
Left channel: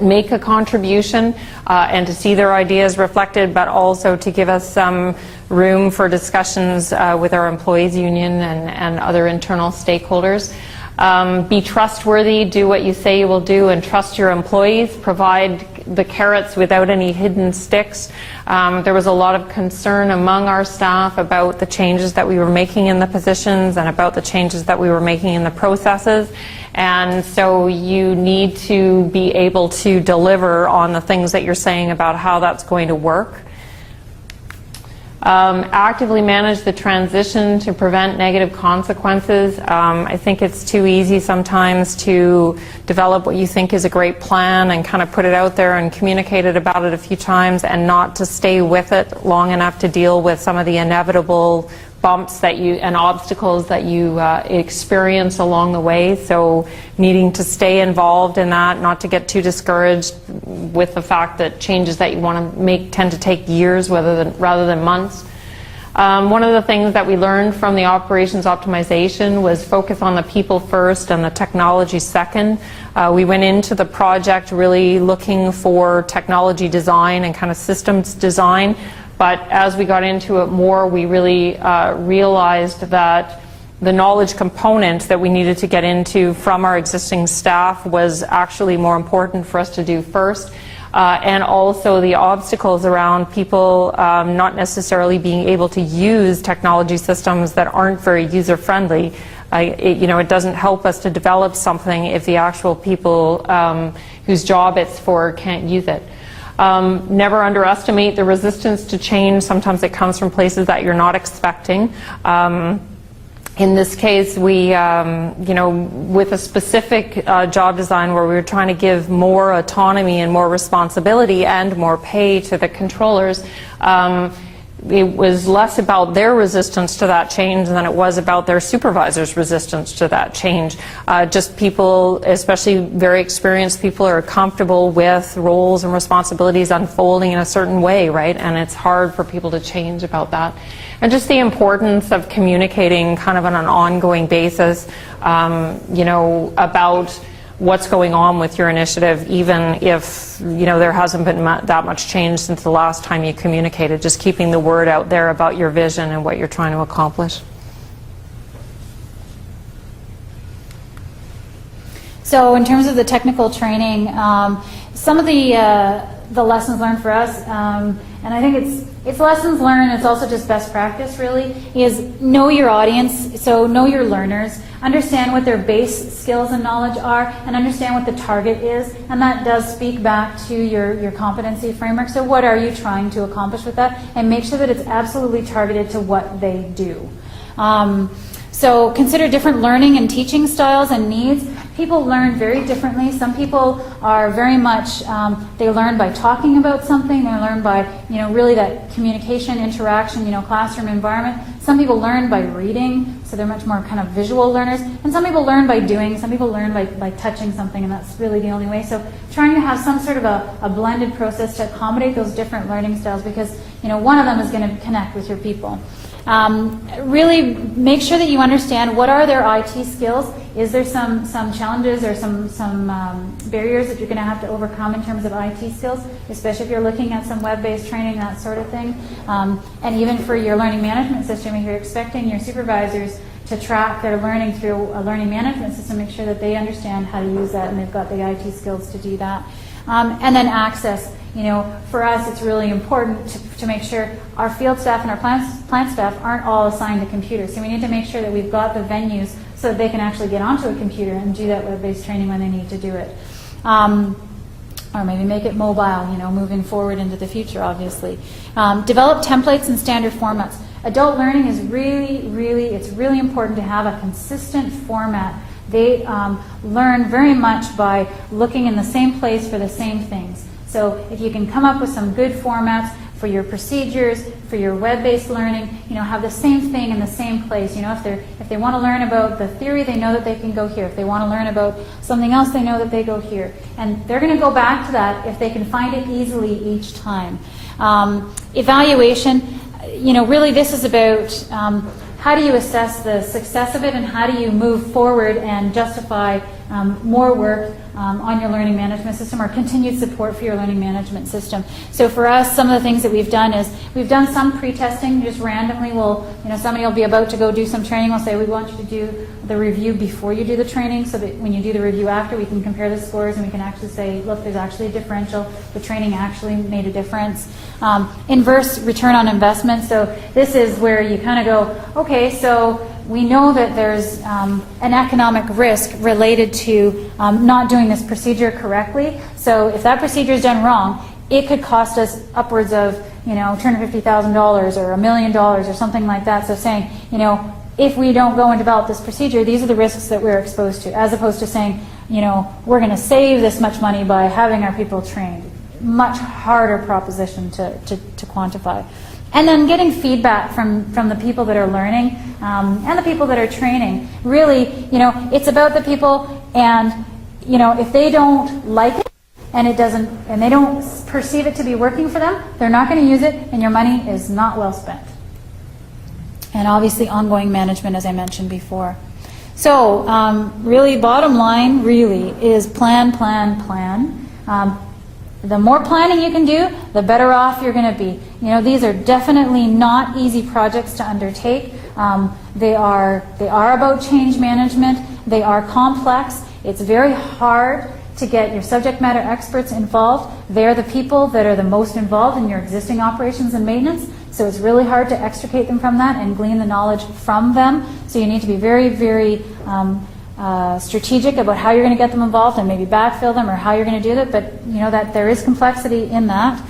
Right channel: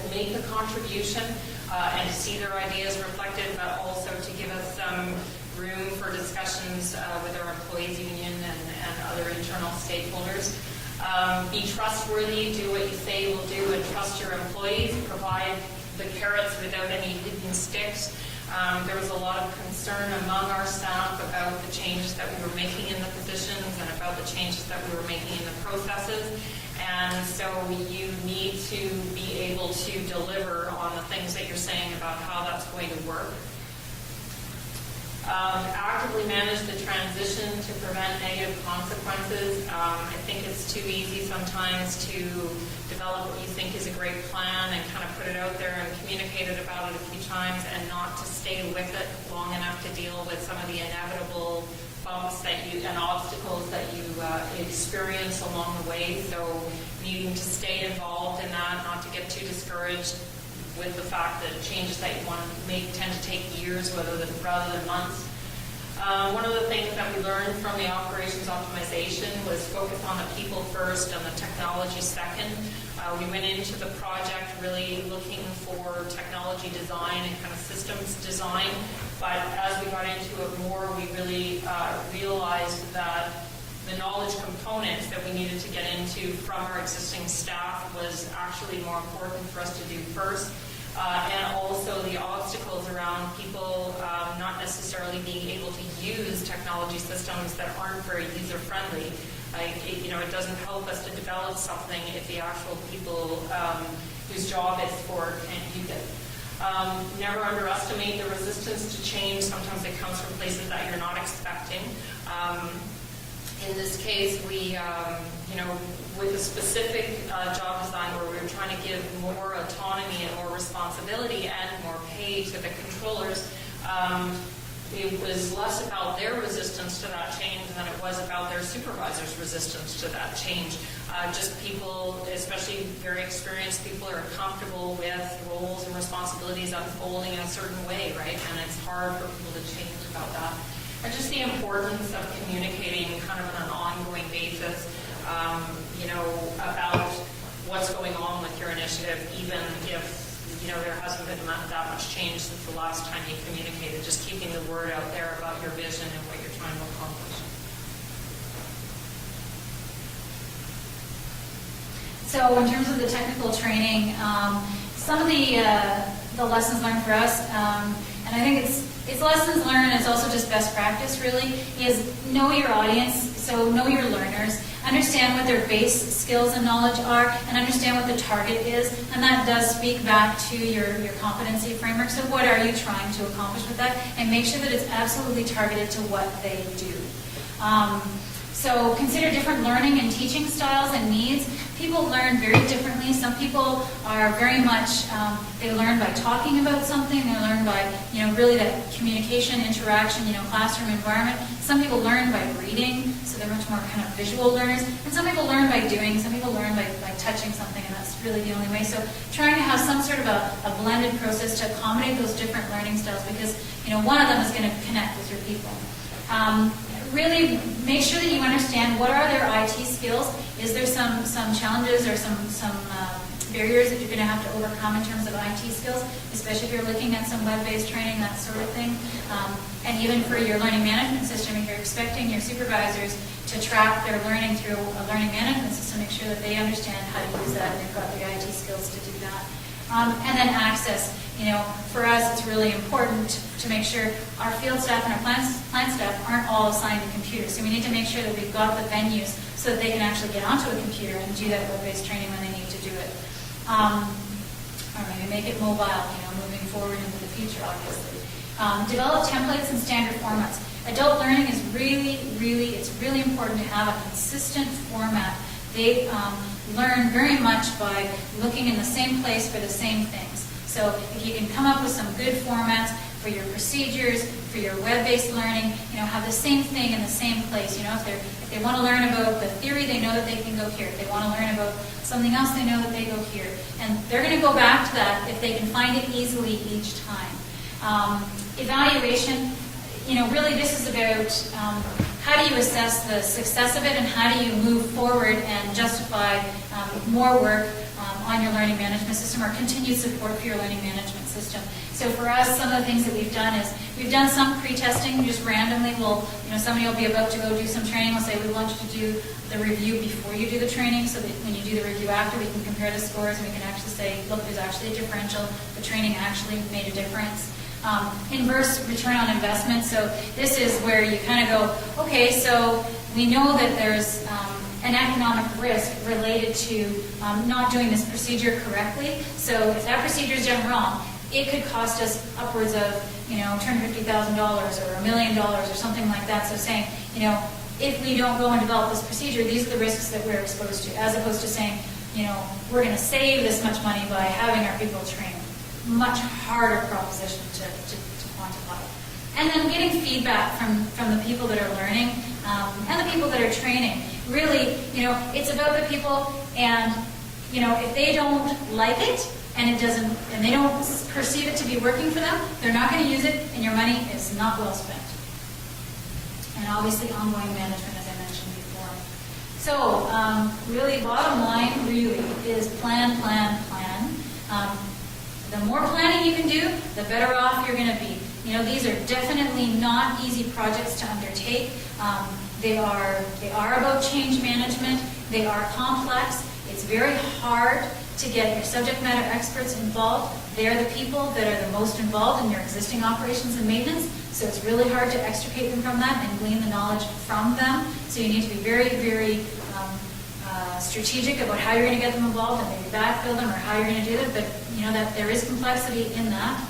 make a contribution and to see their ideas reflected, but also to give us some room for discussions with our employees union and other internal stakeholders. Be trustworthy, do what you say you will do, and trust your employees. Provide the carrots without any hidden sticks. There was a lot of concern among our staff about the changes that we were making in the positions and about the changes that we were making in the processes. And so you need to be able to deliver on the things that you're saying about how that's going to work. Actively manage the transition to prevent negative consequences. I think it's too easy sometimes to develop what you think is a great plan and kind of put it out there and communicate about it a few times and not to stay with it long enough to deal with some of the inevitable bumps and obstacles that you experience along the way. So needing to stay involved in that, not to get too discouraged with the fact that changes that you want to make tend to take years rather than months. One of the things that we learned from the operations optimization was focus on the people first and the technology second. We went into the project really looking for technology design and kind of systems design. But as we got into it more, we really realized that the knowledge component that we needed to get into from our existing staff was actually more important for us to do first. And also the obstacles around people not necessarily being able to use technology systems that aren't very user-friendly. It doesn't help us to develop something if the actual people whose job it's for can't use it. Never underestimate the resistance to change. Sometimes it comes from places that you're not expecting. In this case, we, with a specific job design where we were trying to give more autonomy and more responsibility and more pay to the controllers, it was less about their resistance to that change than it was about their supervisor's resistance to that change. Just people, especially very experienced people, are comfortable with roles and responsibilities unfolding in a certain way, right? And it's hard for people to change about that. And just the importance of communicating kind of on an ongoing basis, about what's going on with your initiative, even if, there hasn't been that much change since the last time you communicated. Just keeping the word out there about your vision and what you're trying to accomplish. So in terms of the technical training, some of the lessons learned for us, and I think it's lessons learned, it's also just best practice really, is know your audience, so know your learners, understand what their base skills and knowledge are, and understand what the target is, and that does speak back to your competency framework. So what are you trying to accomplish with that? And make sure that it's absolutely targeted to what they do. So consider different learning and teaching styles and needs. People learn very differently. Some people are very much, they learn by talking about something. They learn by, really that communication, interaction, classroom environment. Some people learn by reading, so they're much more kind of visual learners. And some people learn by doing. Some people learn by touching something, and that's really the only way. So trying to have some sort of a blended process to accommodate those different learning styles, because, one of them is going to connect with your people. Really make sure that you understand what are their IT skills. Is there some challenges or some barriers that you're going to have to overcome in terms of IT skills, especially if you're looking at some web-based training, that sort of thing. And even for your learning management system, if you're expecting your supervisors to track their learning through a learning management system, make sure that they understand how to use that and they've got the IT skills to do that. And then access. For us, it's really important to make sure our field staff and our plant staff aren't all assigned a computer. So we need to make sure that we've got the venues so that they can actually get onto a computer and do that web-based training when they need to do it. Or maybe make it mobile, moving forward into the future, obviously. Develop templates and standard formats. Adult learning is it's really important to have a consistent format. They learn very much by looking in the same place for the same things. So if you can come up with some good formats for your procedures, for your web-based learning, have the same thing in the same place. If they want to learn about the theory, they know that they can go here. If they want to learn about something else, they know that they go here. And they're going to go back to that if they can find it easily each time. Evaluation, really this is about how do you assess the success of it and how do you move forward and justify more work on your learning management system or continued support for your learning management system. So for us, some of the things that we've done is we've done some pre-testing. Just randomly, somebody will be about to go do some training. We'll say we want you to do the review before you do the training, so that when you do the review after, we can compare the scores and we can actually say, look, there's actually a differential. The training actually made a difference. Inverse return on investment. So this is where you kind of go, okay, so we know that there's an economic risk related to not doing this procedure correctly. So if that procedure is done wrong, it could cost us upwards of, $250,000 or $1 million or something like that. So saying, if we don't go and develop this procedure, these are the risks that we're exposed to, as opposed to saying, we're going to save this much money by having our people trained. Much harder proposition to quantify. And then getting feedback from the people that are learning and the people that are training. Really, it's about the people, and if they don't like it and they don't perceive it to be working for them, they're not going to use it, and your money is not well spent. And obviously ongoing management, as I mentioned before. So really, bottom line really is plan. The more planning you can do, the better off you're going to be. These are definitely not easy projects to undertake. They are about change management. They are complex. It's very hard to get your subject matter experts involved. They're the people that are the most involved in your existing operations and maintenance. So it's really hard to extricate them from that and glean the knowledge from them. So you need to be very, very strategic about how you're going to get them involved and maybe backfill them or how you're going to do that. But that there is complexity in that.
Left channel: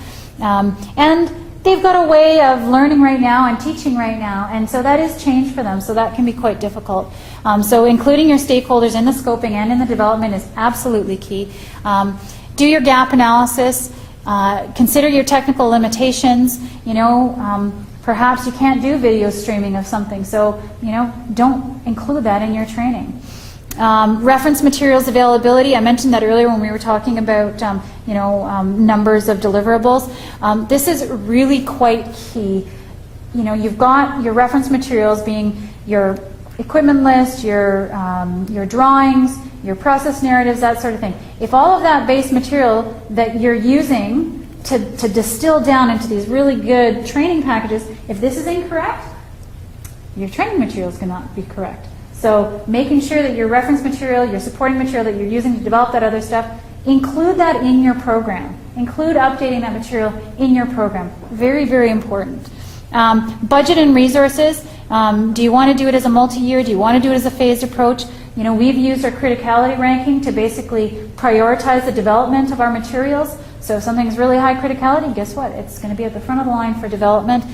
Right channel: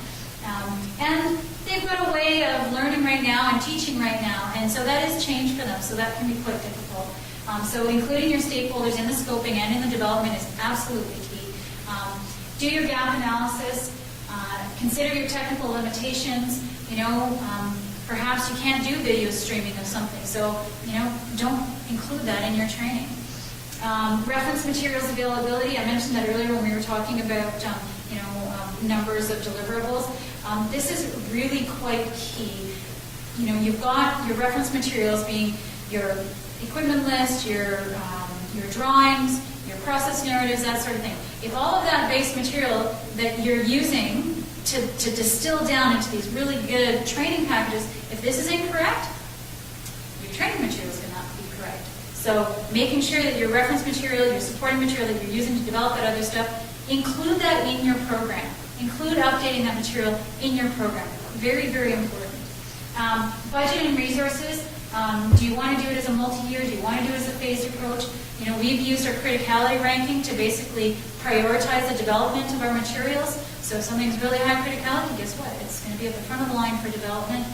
And they've got a way of learning right now and teaching right now, and so that is change for them, so that can be quite difficult. So including your stakeholders in the scoping and in the development is absolutely key. Do your gap analysis. Consider your technical limitations. Perhaps you can't do video streaming of something, so don't include that in your training. Reference materials availability. I mentioned that earlier when we were talking about numbers of deliverables. This is really quite key. You've got your reference materials being your equipment list, your drawings, your process narratives, that sort of thing. If all of that base material that you're using to distill down into these really good training packages, if this is incorrect, your training materials cannot be correct. So making sure that your reference material, your supporting material that you're using to develop that other stuff, include that in your program. Include updating that material in your program. Very, very important. Budget and resources. Do you want to do it as a multi-year? Do you want to do it as a phased approach? We've used our criticality ranking to basically prioritize the development of our materials. So if something's really high criticality, guess what? It's going to be at the front of the line for development.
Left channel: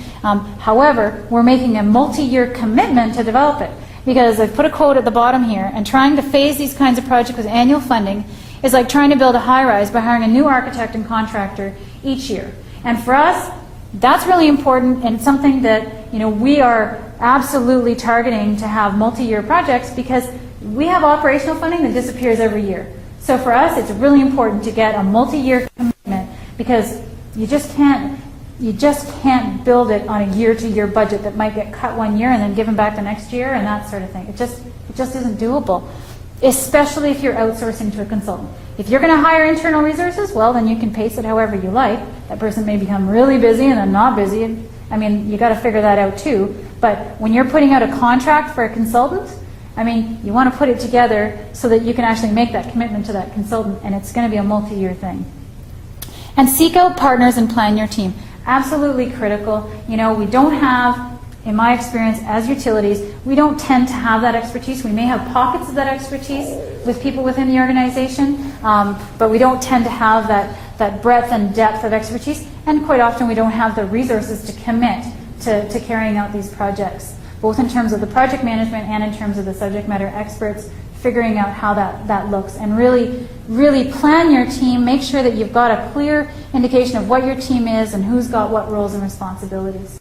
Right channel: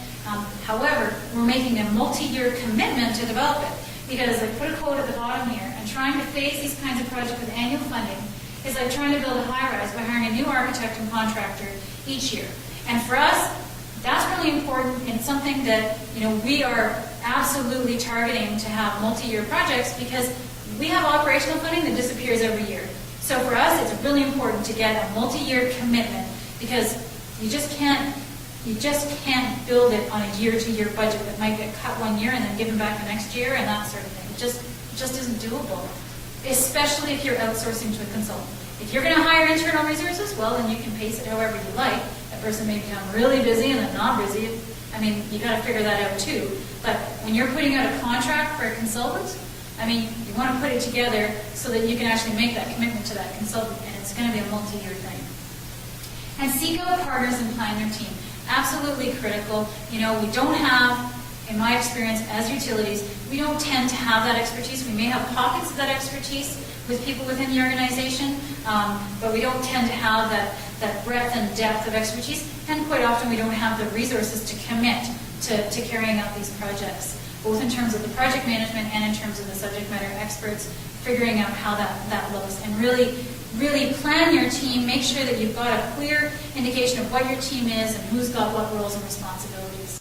However, we're making a multi-year commitment to develop it. Because I've put a quote at the bottom here, and trying to phase these kinds of projects with annual funding is like trying to build a high-rise by hiring a new architect and contractor each year. And for us, that's really important and something that we are absolutely targeting to have multi-year projects because we have operational funding that disappears every year. So for us, it's really important to get a multi-year commitment because you just can't build it on a year-to-year budget that might get cut one year and then given back the next year and that sort of thing. It just isn't doable, especially if you're outsourcing to a consultant. If you're going to hire internal resources, well, then you can pace it however you like. That person may become really busy and then not busy. You got to figure that out too. But when you're putting out a contract for a consultant, you want to put it together so that you can actually make that commitment to that consultant, and it's going to be a multi-year thing. And seek out partners and plan your team. Absolutely critical. We don't have, in my experience as utilities, we don't tend to have that expertise. We may have pockets of that expertise with people within the organization, but we don't tend to have that breadth and depth of expertise, and quite often we don't have the resources to commit to carrying out these projects, both in terms of the project management and in terms of the subject matter experts, figuring out how that looks, and really plan your team. Make sure that you've got a clear indication of what your team is and who's got what roles and responsibilities.